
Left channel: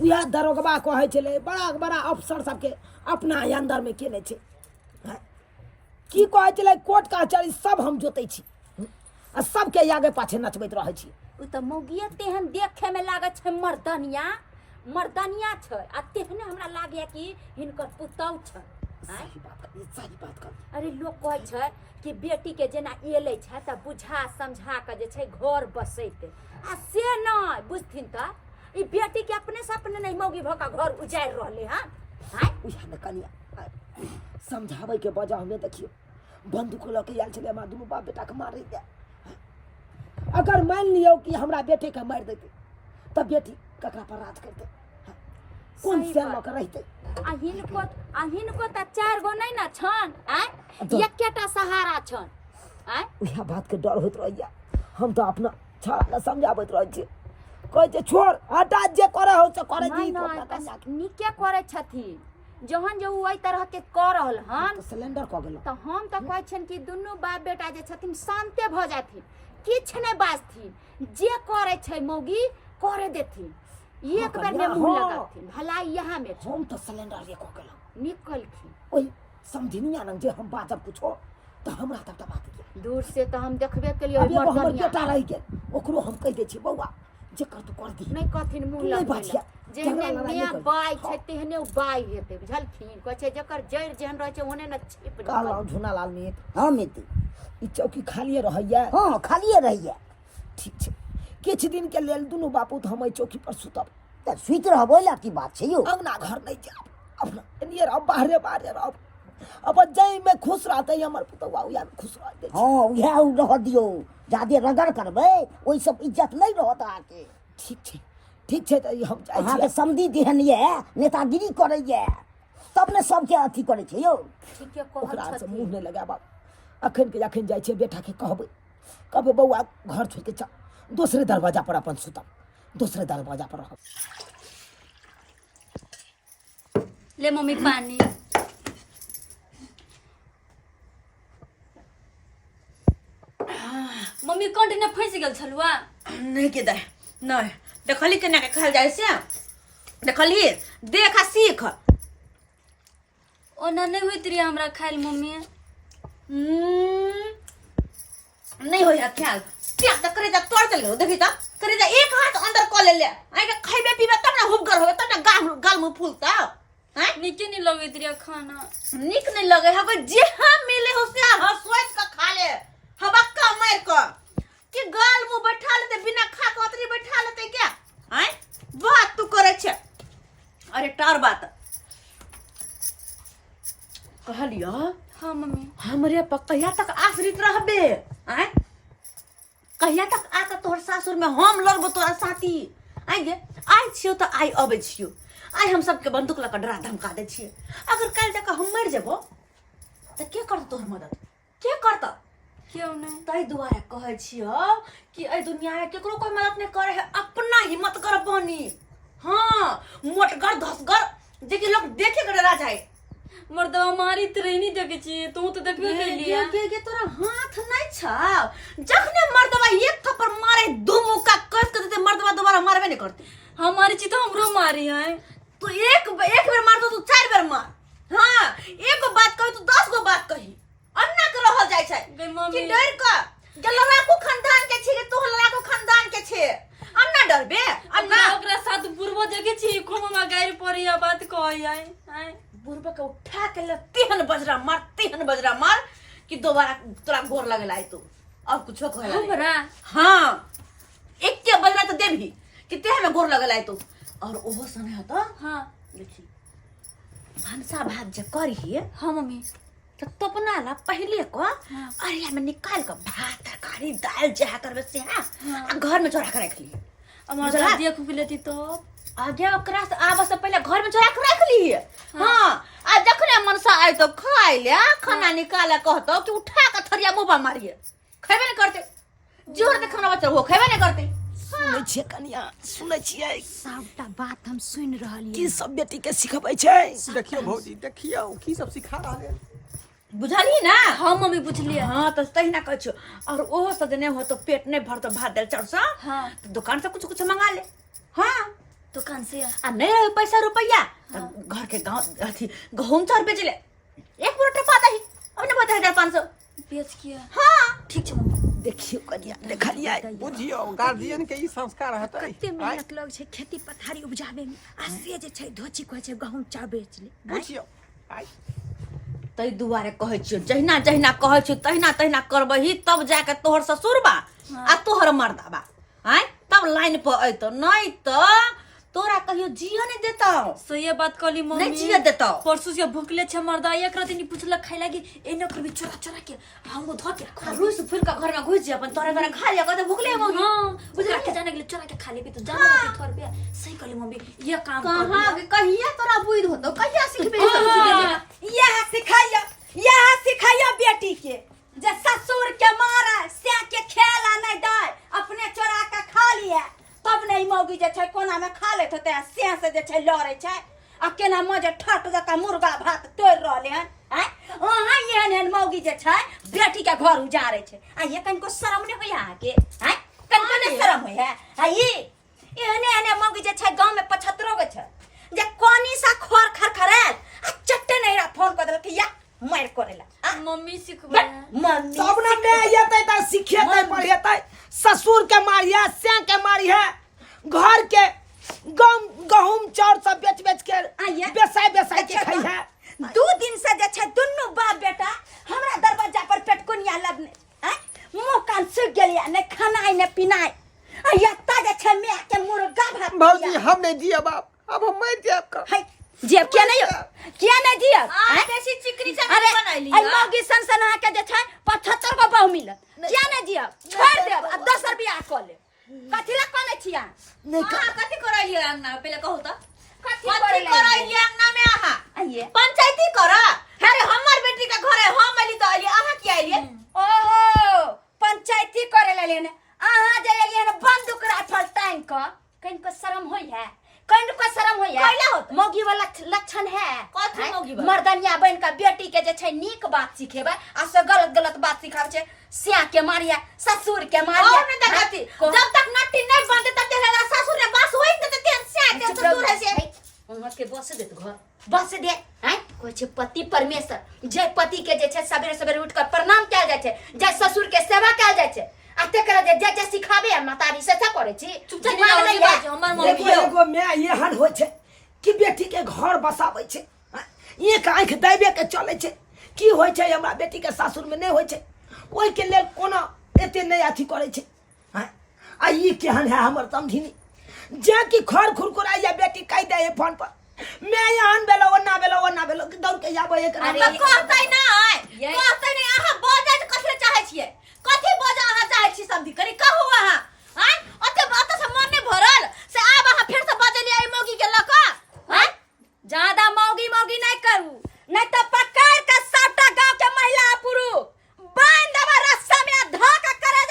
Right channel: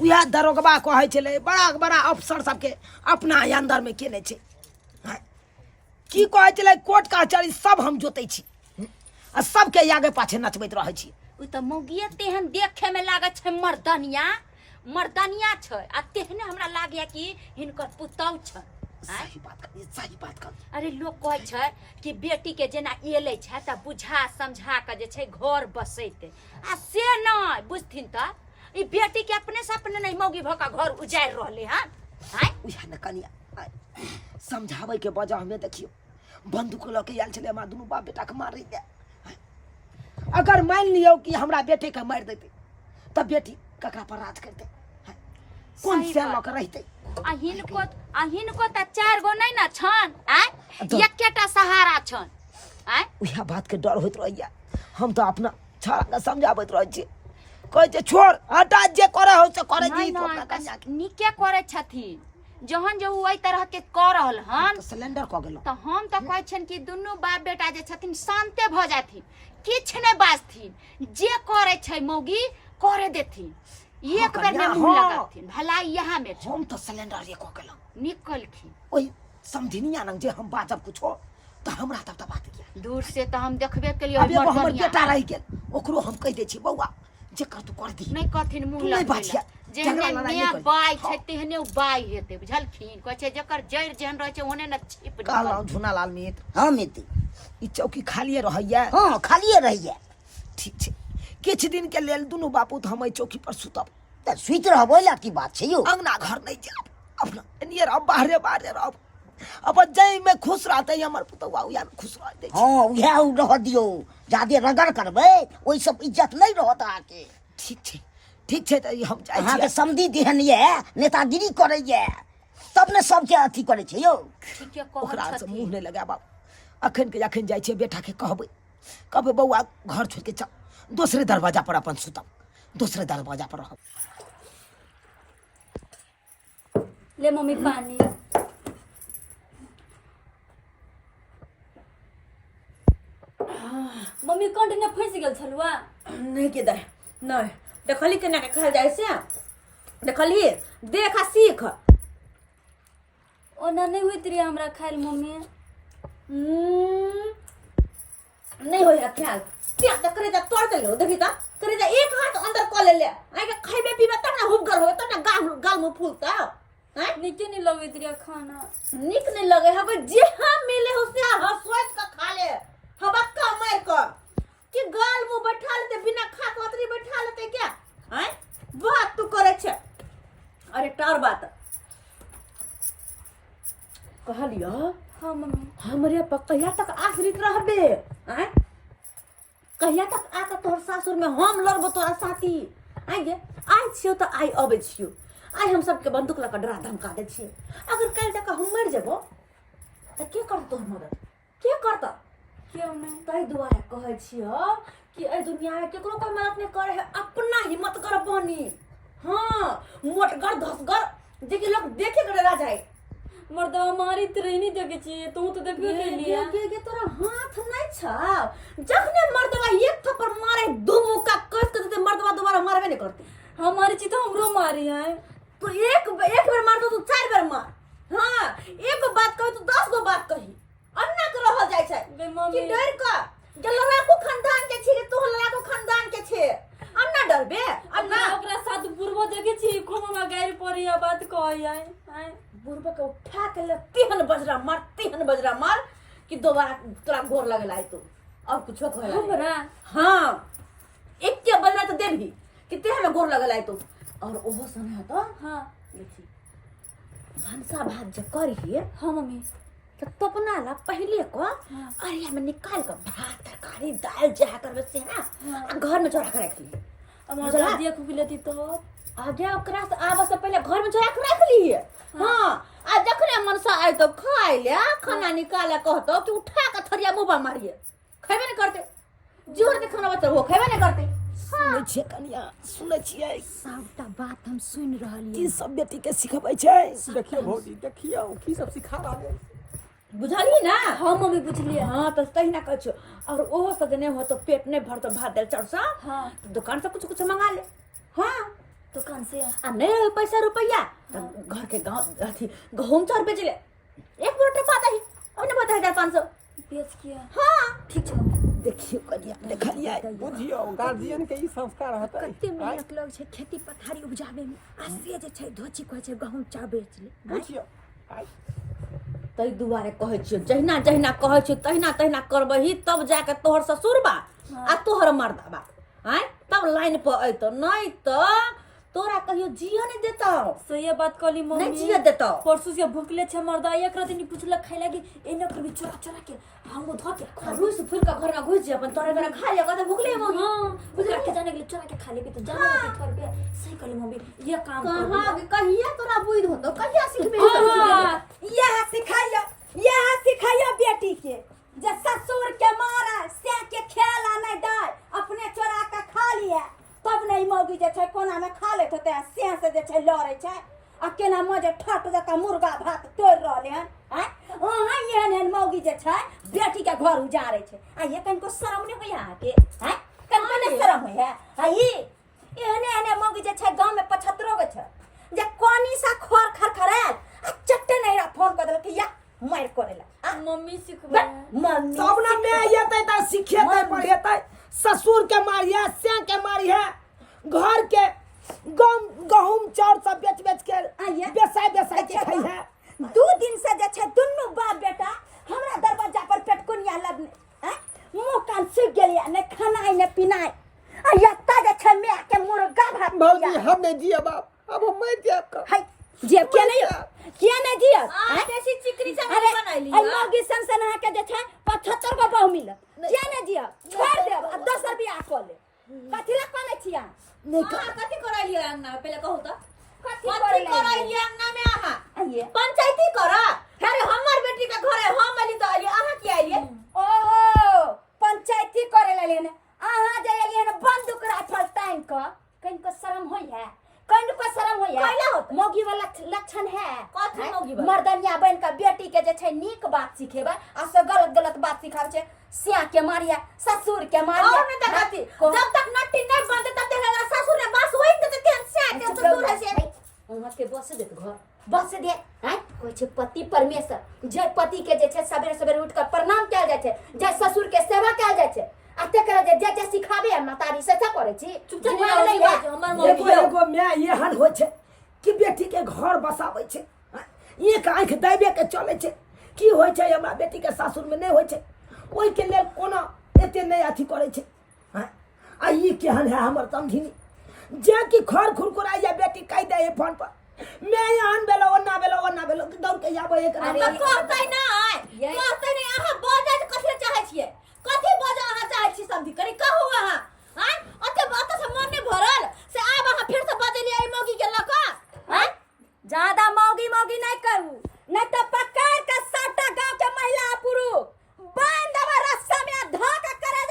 उया दरोगबा कहै छले बड़ा बड़ा अफसर सबके अपना अंदर में केने छै। की कहै छले कोर्ट कचहरी सब हम जोतै छी आ सबके आगे पाछे नचबैत रहै छी। उ त मौगिए तेहन देखे में लागत छै मर्दनिया छै आ तेहने हमरा लागय कि हिनकर पुतौ छै। सही बात कर। अरे लोग कहै छै कि बेटी के जेना एले छै त बुझा समझा के जे छै घर बसैते आ से नहीं बुझथिन त ई बेटी के अपने से अपने नहीं मौगी भका घर उजाड़ रहले हन हैं। उया न कनिया समझाबै के वजह में देखियो बंदूक ल के आयल छले हमरा दुनू बाप बेटा के मारै दे। अगर मान लियो कि हमरा बेटे के मार देते तब बेटी ककरा पर राज करते कौन से ल के रहते। अहिनको त चार गो नहीं ना छन आय एकेटा सहारा छन आय। उया बात के डर होइत रहैया। हम तो अपना छाड़ा के समझाबैत रहै छी कहै छै छोड़ हटा जे करे हो से करे दी तो अपना कन्या के निके करे छथिन जहन जे ओइ तरह के कर रहल हन तो सिलेंडर क गेलो त हम त कहै छन कि दुनू बाप बेटा जे छथिन शांते भ जाथिन किछ नहीं बाजथिन जे करे छै मौगी करे देथिन एक बेर में मुंह लगाथिन भलाई यहाँ में छै। हम तो सिलेंडर ये क गेलो निकलखिन ओइ समझिनिया न जे हम बाजब कुछो तो हमरा तब त बात के दूर से त हम देखबे केलिए अब एगो हमर बेटा रह गेल ओकरो हम कह दे छी बौआ जे कर तू कर दी नहीं कहथिन मुंह नहीं लगबे बाजिया जेहने मियां बाई छै तेहने उ बाई हेते बुझलखिन कहै छै जकर जड़ जेहन रहै छै ओहने न छिप कहलौ झुना लाल मित्र। हाँ मित्र ई चौकी खालिए रहैया। हाँ खालिए रहिए। ठीक छै किछ दिन के लेल दुनू बापू तो हम चौकी पर सुतब त सुइत रहबो ला की बात छै यो। अंगना घर नहीं जाब अपना नियर अब बाहरे रहब अब जई में खुश रहते हमर पुतौआ उया में खुश रहते। हाँ उहे रह दियो जादे रगड़ करबे ओइ सब इज्जत नहीं रहत आके। ठीक छै त हम जाय अहाँ छी। के समधी देहन ये नेतागिरी करे ये तब ने सबके अथी करे छै यो। ठीके ओकरा कहत से छथिन मुंह नहीं लगाब अखन जाय छै बेटा के कहबै बौआ घर छोड़ के चल दूसरे दरवाजा पर अपन सुतब दूसरे दरवाजा पर रहब। ले मम्मी पानी मम्मी कंटिन्यू फंस गेल छलुआ नहीं के दे नहीं देखली केना के कहल जाय से देखली देख आ सीख। ओना नहीं होइत रही हमरा खाइल मम्मी नहीं होय ख्याल क्या त करे जा तोड़ चलो देखी त करे जा एक हाथ अंदर क ले आइ के खइबे पीबे तब ना हुबगर होबे तब ना गाल मुंह फूलता हैं। नीचे नहीं लगैत रही खाना निक नहीं लगे हको जे हम मिले हो से हसवाइस का खा ले हबक्का मार क कि गाल मुंह बैठा लेते बिना खा के ओतरी बैठा लेते क्या हैं बात तू करे छे अरे टार बात कहलियो हाँ मम्मी हमरे पर कहिया तक आश्रित रहबे हैं कहिया तक आके तोहर सासुर में हम लड़बो तोरा साथी आगे आइ छियो तो आइ अबे छियो आइ हम सबके बंदूक लगा डरा धमका दे छिए अगर कल तक हम मर जेबो तो के करत तोहर मदद के करत क्यों नहीं तई दुआरे कहै छियो कि ए दुनिया में केकरो कोई मदद नहीं करे है अपना हिम्मत कर बनी हां मोटगर धसगर जे कि लोग देखे के डरा जाए मर्दवा मारी तोरे नहीं देखे छी तू तो देखबे कर लिया के तोरा हाथ नहीं छ जखने मर्दवा एक थप्पड़ मारे दो मुक्का कस के देते मर्दवा दोबारा मारबे नहीं करते हमारी ची तो हमरो मारी है तू एक बेर मार दो तू 4 बेर मार हां एक गो बात कही तू 10 गो बात कही अन्ना के रहल जाय छै बे मम्मी कि डर का जलरा को खानदान के छी तू हलरा को खानदान के छे अन्ना डरबे अन्ना ओकरा साथ पूर्व देखे छी खोमा गाड़ी पड़ी बात कहै है बुरबे के उठा के ले तीहन बजरा मार कि दोबारा तोरा गोर लगेला है तू और कुछो कहला हमरा हां एक के बजरा तो देबही कि ते में गोर लगेला है तू और ओहो सने हतो हाँ देखी भंसा भात जे करी हाँ मम्मी तो तपना ला पहले को अरिया में निकाल के भात तरकारी दाल जहा करबे से हां घर में चोरा के रख ली हमार दादी को लेती तो आगे ओकरा से आबे से पहले घर में चोरा के रख ली हां आ जखने मनसा आइ तो खाइ ले खाना निकाले कहतो कि उठा के थरिया मुंह पर मारिए खैबे नहीं करते जोर दे खाना बच्चा हो खैबे नहीं करते सुनै छियै कनिया सुनै छियै सबटा बात हम सुन रहलिए की सब बेटी के सिखबै छै देखियो भौजी देखियो की सब सिखा रहा है बुझलिए ना हाँ मम्मी बुझलिए हां तो तहिना कहै छो और ओहो सदने हो तो पेट नहीं भरतो भात दाल चाउर सा हाँ तो दुकान से कुछ मंगा ले हां दुकान से आ नहीं रहे पैसा रुपया तो घर के गांव अथी गहूम चाउर बेच ले एक बोरा पाता ही अब ने बता 1500 बेच किया हां ठीक छै मम्मी देखियो कनिया देखलियै बुझियो गार्जियन के ई संस्कार हतै कते मेहनत लग छै खेती पथारी उपजाबे में आ से जे छै धोची कहै छै गहूम चाउर बेच ले बुझियो आइ तै दुआरे कहै छियो जहिना जहिना कहै छियो तहिना करबही तब जाके तोहर ससुरबा आ तोहर मर्दाबा आइ तब लाइन पर अइतो नहीं तो तोरा कहियो जियो नहीं देता सो ये बात कहली मम्मी नहीं जियो देता परसू से भूखले छे मर्दा एक रात नहीं पूछला खाइ लागी ए न करबी चोरा के हमो धो के खा रुस फूल का घर में घुस जे अपन तोरे घर खा लिया कहते भूखले मम्मी हां बुझला के जाने के लिए चोरा के खा लेबी तो जानो के थोर पे सही कहली मम्मी ये काम कर कहां कहिया तोरा बुझ होतो कहिया सिखबे ई सब चीज यह सिखाइयो बेटी के जे ससुर के मारा से के खेला नहीं दे अपने चोरा के खा लिए तब नहीं मौगी जे छै कोना में खा लेत होते से जे छै लड़े छै आ केना मजे ठट जका मुर्गा भात तोड़ रहले हन हैं ओहा एहन मौगी जे छै बेटी के घर उजारे छै आ ये कनको शरम नहीं होय आ के हैं कनको नहीं शरम होय है ई एहने मौगी जे छै गांव में 75 गो छै जे कोनी सा खोर खरखराल आ चट्टे नहीं रा फोन कर देलक या मार करेला मम्मी सिखबे मम्मी सब ना मैं येतै त सिखेतै पढ़ेतै ससुर के मारिया से के मारिया घर के गहूम चाउर सब बेच के बेसाय के खाई है 2 दिन से जे छै दुन्नु बाप बेटा हमरा दरवाजा पर पेटकुनिया लगने हैं मुंह कान सूख गेलिया ने खाना ने पीना आ यत्ता जे छै मैं के मुर्गा भात भौजी हम नहीं दिया बाप अब हम मर जाब का हाय जेब क्या नहीं दिया आ देसी चिकनी से अरे बनैली आई मौगी सन के जे छै 75 गो बहु मिलत क्या नहीं दिया छोड़ देब आ 10 रुपया क ले कथि ला कोने छिया हां कथि करैली अंगना में पहले कहू तो कथि करैली करैली अंगना में आहा आइए पंचायती करा अरे हमर बेटी के घरे हम अली तो अली आहा की आइली ओहो पंचायती करे ले ने आहा जे एलिए ने बंदूक राइफल टाइम क कनको शरम होय है कनको शरम होय है कैला होत मौगी वाला लक्षण है कथि मौगी वाला? मर्दनिया बन का बेटी के जे छै नीक बात सिखेबा आ से गलत बात सिखाब छै सिया के मारिया ससुर के मारिया और नहीं देखती जब तक नट्टी नहीं बनते तब तक अगर ससुर ने बस होई देते तेन से तेन ससुर है से उहाँ के बस दे घर बस दे हैं कोई छै पति परमेश्वर जय पति के जे छै सवेरे सवेरे उठ कर प्रणाम कैल जाय छै जय ससुर के सेवा कैल जाय छै आ तेकरा जे सिखाबे मातारी से करे छी दिमाग नहीं बाज हमर मम्मी देखो एगो मैं एहन होइ छै कि बेटी के घर बसाबै छै एक आंख देबे के चले छै की होइ छै हमरा बेटी के सासुर में नहीं होइ छै ओइ के लेल कोना एते नहीं अथी करे छै आई केहन है हमर समझिनी जे की खर खुरकुराई या बेटी कह दे फोन पर मैं यहाँ बेलो ओना दौड़ के जाबो एक कहतै नहीं अहाँ बजे कथि चाहै छियै कथि बजे अहाँ चाहै छी समझी करी कहू अहाँ हैं ओते से मन नहीं भरल से आब अहाँ फिर से बजलियै मौगी के लक हैं ज्यादा मौगी नहीं करू, नहीं तो पकड़ के सबटा गांव के महिला पुरुष बांध देबा रस्सा में धो के करे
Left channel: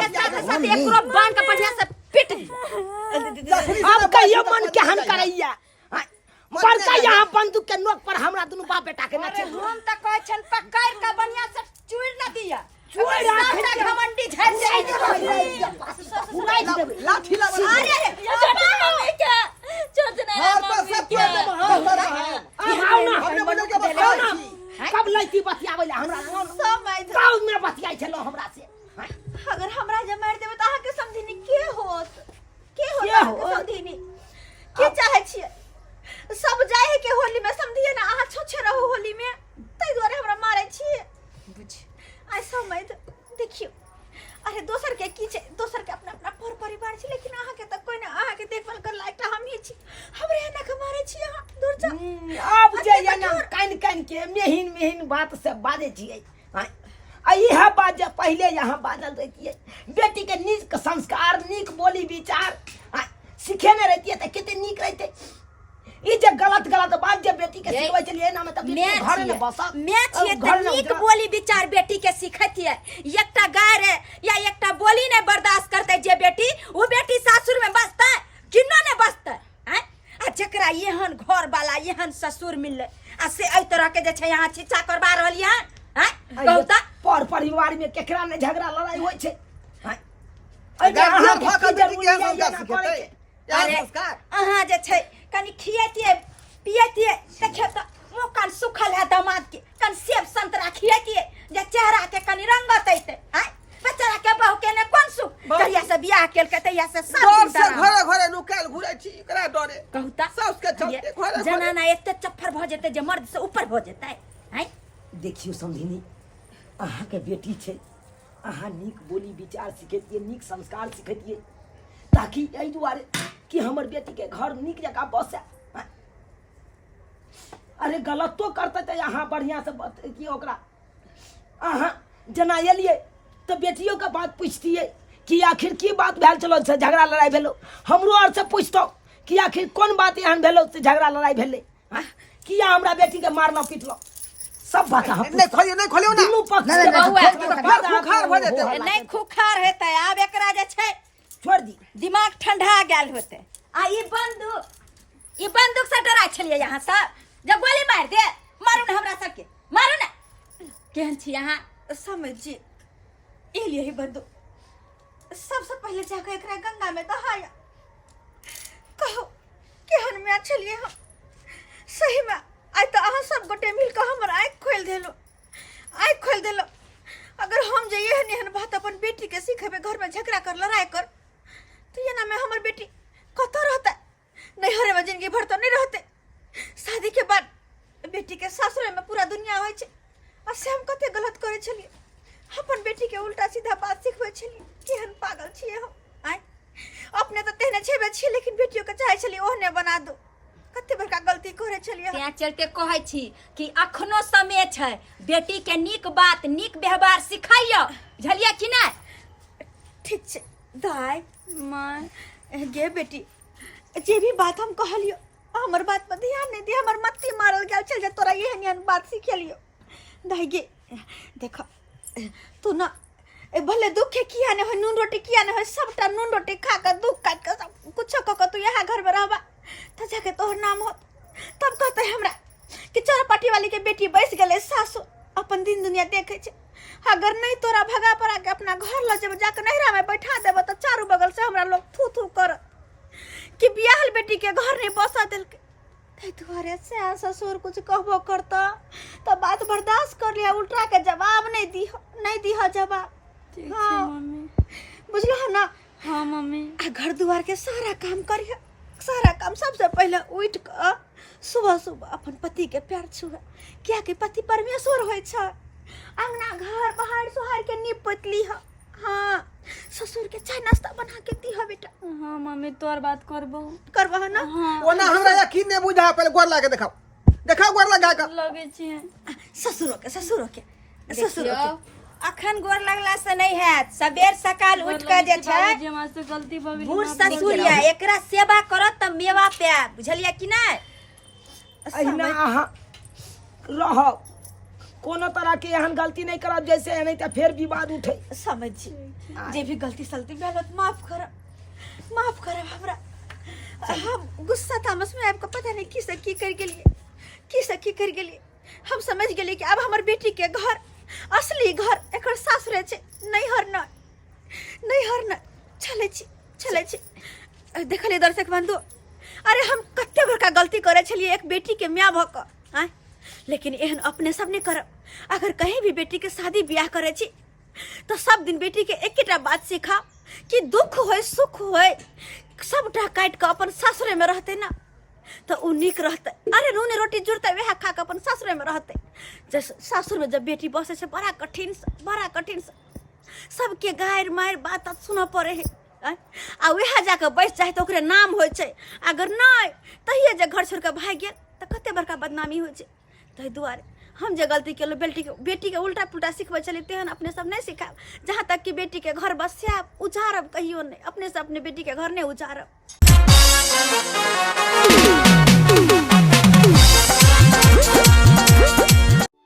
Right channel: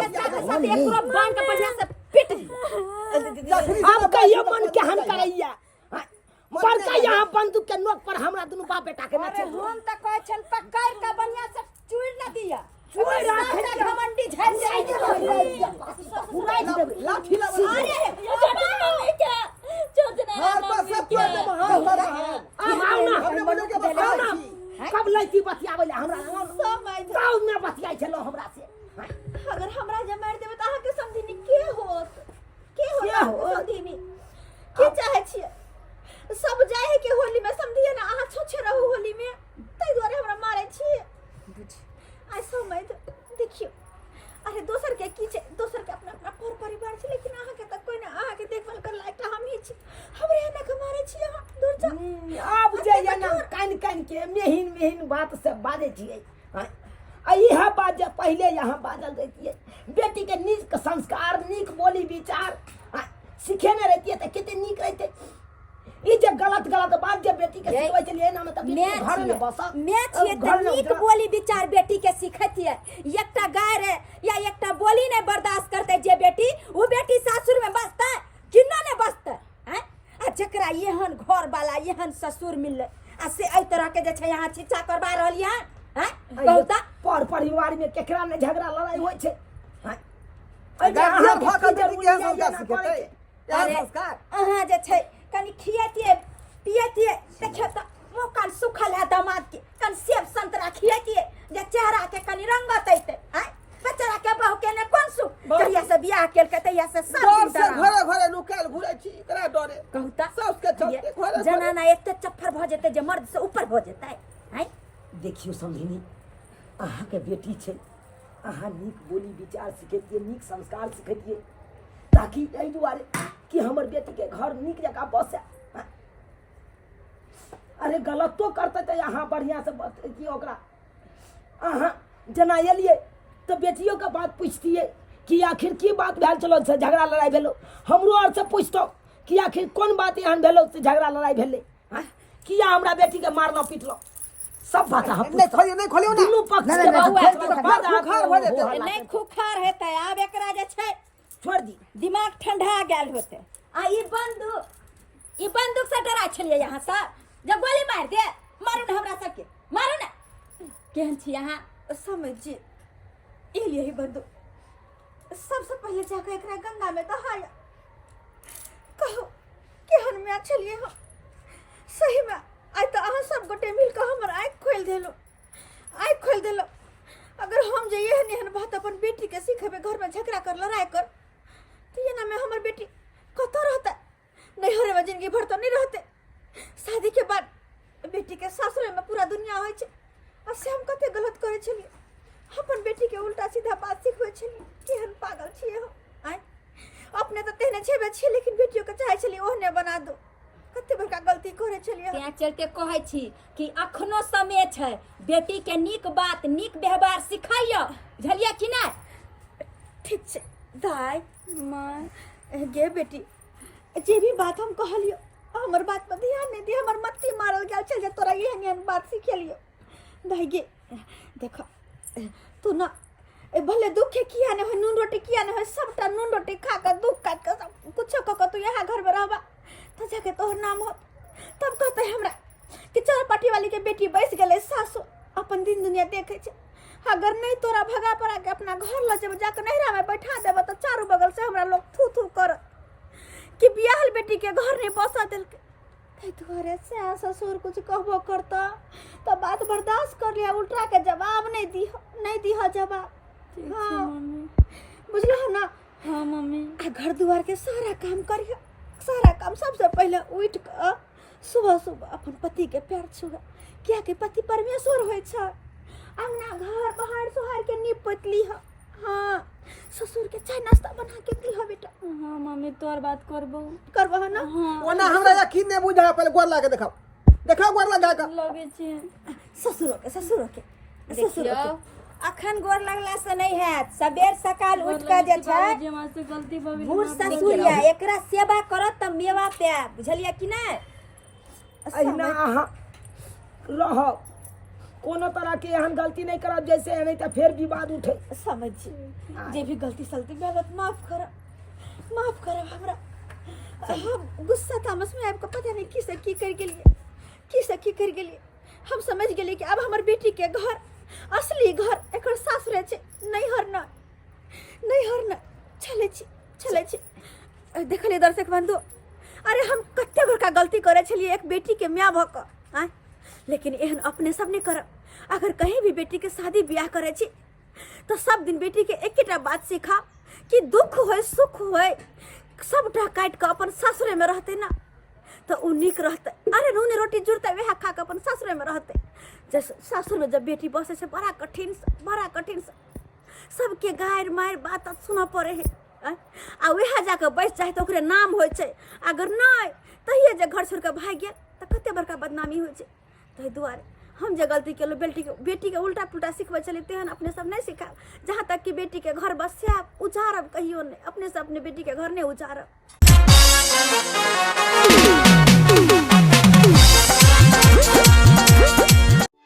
बांध के बढ़िया से पिट अब कहियो मन केहन करैया बड़का यहाँ बंदूक के नोक पर हमरा दुनू बाप बेटा के नचे हम त कहै छन पकड़ के बढ़िया से चुड़ न दिया चुड़ राखे के घमंडी झड़ जाए उड़ाई देबे लाठी लगा अरे क्या चोट नहीं हां बस सब तो हां बड़ा है आओ ना हमने बोले के बस कब लैती बतियावे ले हमरा गांव में बतियाई छलो हमरा से अगर हमरा जे मार देबे त अहाँ के समझिनी के होत समझिनी के चाहै छियै सब जाय है के होली में समझिए ना अहाँ छोछे रहू होली में तै दुआरे हमरा मारै छी बुझ आई समय देखियो अरे दोसर के की छै दोसर के अपना अपना परिवार छै लेकिन अहाँ के त कोई ना अहाँ के देखभाल कर लायक हम ही छी हमरे एना के मारै छी अहाँ दूर जा अब जे या ना कान के मेहिन बात से बाजे छियै यह बात जे पहले यहाँ बाजल रहती बेटी के नीक संस्कार नीक बोली विचार सिखेने रहती त कितने नीक रहते ई जे गलत बात जे बेटी के सिखबै छलिए ना मतलब घर में बसा मैं छिए त नीक बोली विचार बेटी के सिखैतिए एकटा गाय रे या एकटा बोली ने बर्दाश्त करते जे बेटी वो बेटी सासुर में बसतै किन्नो ने बसतै हैं आ जकरा एहन घर वाला एहन ससुर मिलले आ से एई तरह के जे छै यहाँ छिछा करबा रहलिए हैं कहू त पर परिवार में केकरा ने झगड़ा लड़ाई होय छै हैं अहाँ के जरूरी है अरे अहाँ जे छै कनी खियैतिए पियैतिए देखियो त मुंह कान सुखल है दामाद के कन सेब संतरा खियैतिए जे चेहरा के कनी रंगत ऐते हैं बेचारा के बहू के ने कोन सुख कहिया से बियाह केल के तहिया से सब दिन से घरे नुकाल घुरै छी एकरा डरे कहू त सास के चलते घरे जनाना एते चफ्फर भ जेते जे मर्द से ऊपर भ जेतै हैं देखियो समझिनी अहाँ के बेटी छै अहाँ नीक बोली विचार सिखेतिए नीक संस्कार सिखेतिए ताकि एहि दुआरे कि हमर बेटी के घर नीक जगह बसे अरे गलतो करते तो यहाँ बढ़िया से कि ओकरा अहाँ जना एलिए तो बेटियों का बात पूछतिए कि आखिर की बात भेल चलो से झगड़ा लड़ाई भेलो हमरो और से पूछतो कि आखिर कौन बात एहन भेलो से झगड़ा लड़ाई भेले किया हमरा बेटी के मारलो पीटलो सब बात हम नहीं खोलियो ना दुनू पक्ष के खुखार भ जेते नहीं खुखार हेतै आब एकरा जे छै छोड़ दी दिमाग ठंडा गेल होते आ ई बंदूक से डरा छलिए यहाँ सब जब गोली मार दे मारू ना हमरा सबके मारू ना केहन छी यहाँ समझिए एलिए ही बंदूक सबसे पहले जाकर एकरा गंगा में दहाया कहो केहन में छलिए हम सही में आई तो अहाँ सब गोटे मिलकर हमर आँख खोल देलो अगर हम जे एहन बात अपन बेटी के सिखेबे घर में झगड़ा कर लड़ाई कर तो ये ना में हमर बेटी कतो रहता नहीं हरे में जिंदगी भर तो नहीं रहते शादी के बाद बेटी के सासुर में पूरा दुनिया होय छै और से हम कते गलत करे छलिए अपन बेटी के उल्टा सीधा बात सिखबै छलिए केहन पागल छिए हम आइ अपने तो तेहने छेबे छी लेकिन बेटियों के चाहे छलिए ओहने बना दो कते बड़का गलती करे छलिए तें चल के कहै छी कि अखनो समय छै बेटी के नीक बात नीक व्यवहार सिखाइयो बुझलिए कि नहीं ठीक छै दाई मां गे बेटी जे भी बात हम कहलियो हमर बात पर ध्यान नहीं दे हमर मत्ती मारल गेल चल जे तोरा एहन बात सिखेलियो दाई गे देखो तू ना भले दुख के किया ने हो नून रोटी किया ने हो सबटा नून रोटी खा कर दुख काट कर सब कुछ क तू यहाँ घर में रहबा तो जाके तोहर नाम हो तब कहते हमरा कि चौरापाटी वाली के बेटी बैस गले सासु अपन दिन दुनिया देखे छे अगर नहीं तोरा भगा पड़ा के अपना घर ल जब जाके नहरा में बैठा देब तो चारों बगल से हमरा लोग थू थू कर कि बियाहल बेटी के घर नहीं बसा दिलके। कई तुम्हारे से ससुर कुछ कहबो करता तो बात बर्दाश्त कर लिया, उल्टा के जवाब नहीं दी जवाब। ठीक हाँ। है मम्मी। बुझलो है ना? हाँ मम्मी। आ घर दुआर के सारा काम करिए, सारा काम सबसे पहले उठ कर सुबह सुबह अपन पति के पैर छुए, क्या कि पति परमेश्वर होय छै। अंगना घर बाहर सोहार के नीप पतली है। हाँ, ससुर के चाय नाश्ता बना के दी है बेटा। हाँ मम्मी तोर बात करबो। करबा है ना? ओना हमरा यकीन नहीं बुझा, पहले गोर लागे देखाओ, देखाओ गोर लगा के। लगे छै ससुरो के देखियो अखन गोर लगला से नहीं हैत, सबेर सकाल उठ के जे छै बाबूजी हमरा से गलती भऽ गेल। बूढ़ ससुरिया एकरा सेवा करत त मेवा पे, बुझलियै कि नहीं? अहिना अहाँ रहब, कोनो तरह के एहन गलती नहीं करब जैसे नहीं तो फिर विवाद उठे। समझ जे भी गलती सलती भेल माफ कर हमरा। हम गुस्सा तामस में आपको पता नहीं की से की कर गेलिए। हम समझ गेलिए कि अब हमर बेटी के घर असली घर एकर सासुरे छै, नैहर न चले छी। देखलिए दर्शक बंधु, अरे हम कते बड़का गलती करे छलिए एक बेटी के माय भ क, लेकिन एहन अपने सब नहीं करब। अगर कहीं भी बेटी के शादी ब्याह करे छी तो सब दिन बेटी के एकेटा बात सिखाओ कि दुख होय सुख होय सबटा काट के अपन सासुरे में रहते ना तो उ नीक रहते। अरे नून रोटी जुड़ते वह खा के अपन सासुरे में रहते। जैसे सासुर में जब बेटी बसे से बड़ा कठिन से सबके गायर मायर बात सुना पड़े है। आ वह जाके बैस जाए तो ओकरे नाम हो छै, अगर नहीं तहिए जे घर छोड़ के भाग गेल तो कते बड़का बदनामी हो छै। ताहि दुआरे हम जे गलती केलो बेटी के उल्टा पुल्टा सिखबै छलिए तेहन अपने सब नहीं सिखाब। जहाँ तक कि बेटी के घर बसाब उजारब कहियो नहीं, अपने से अपने बेटी के घर नहीं उजारब।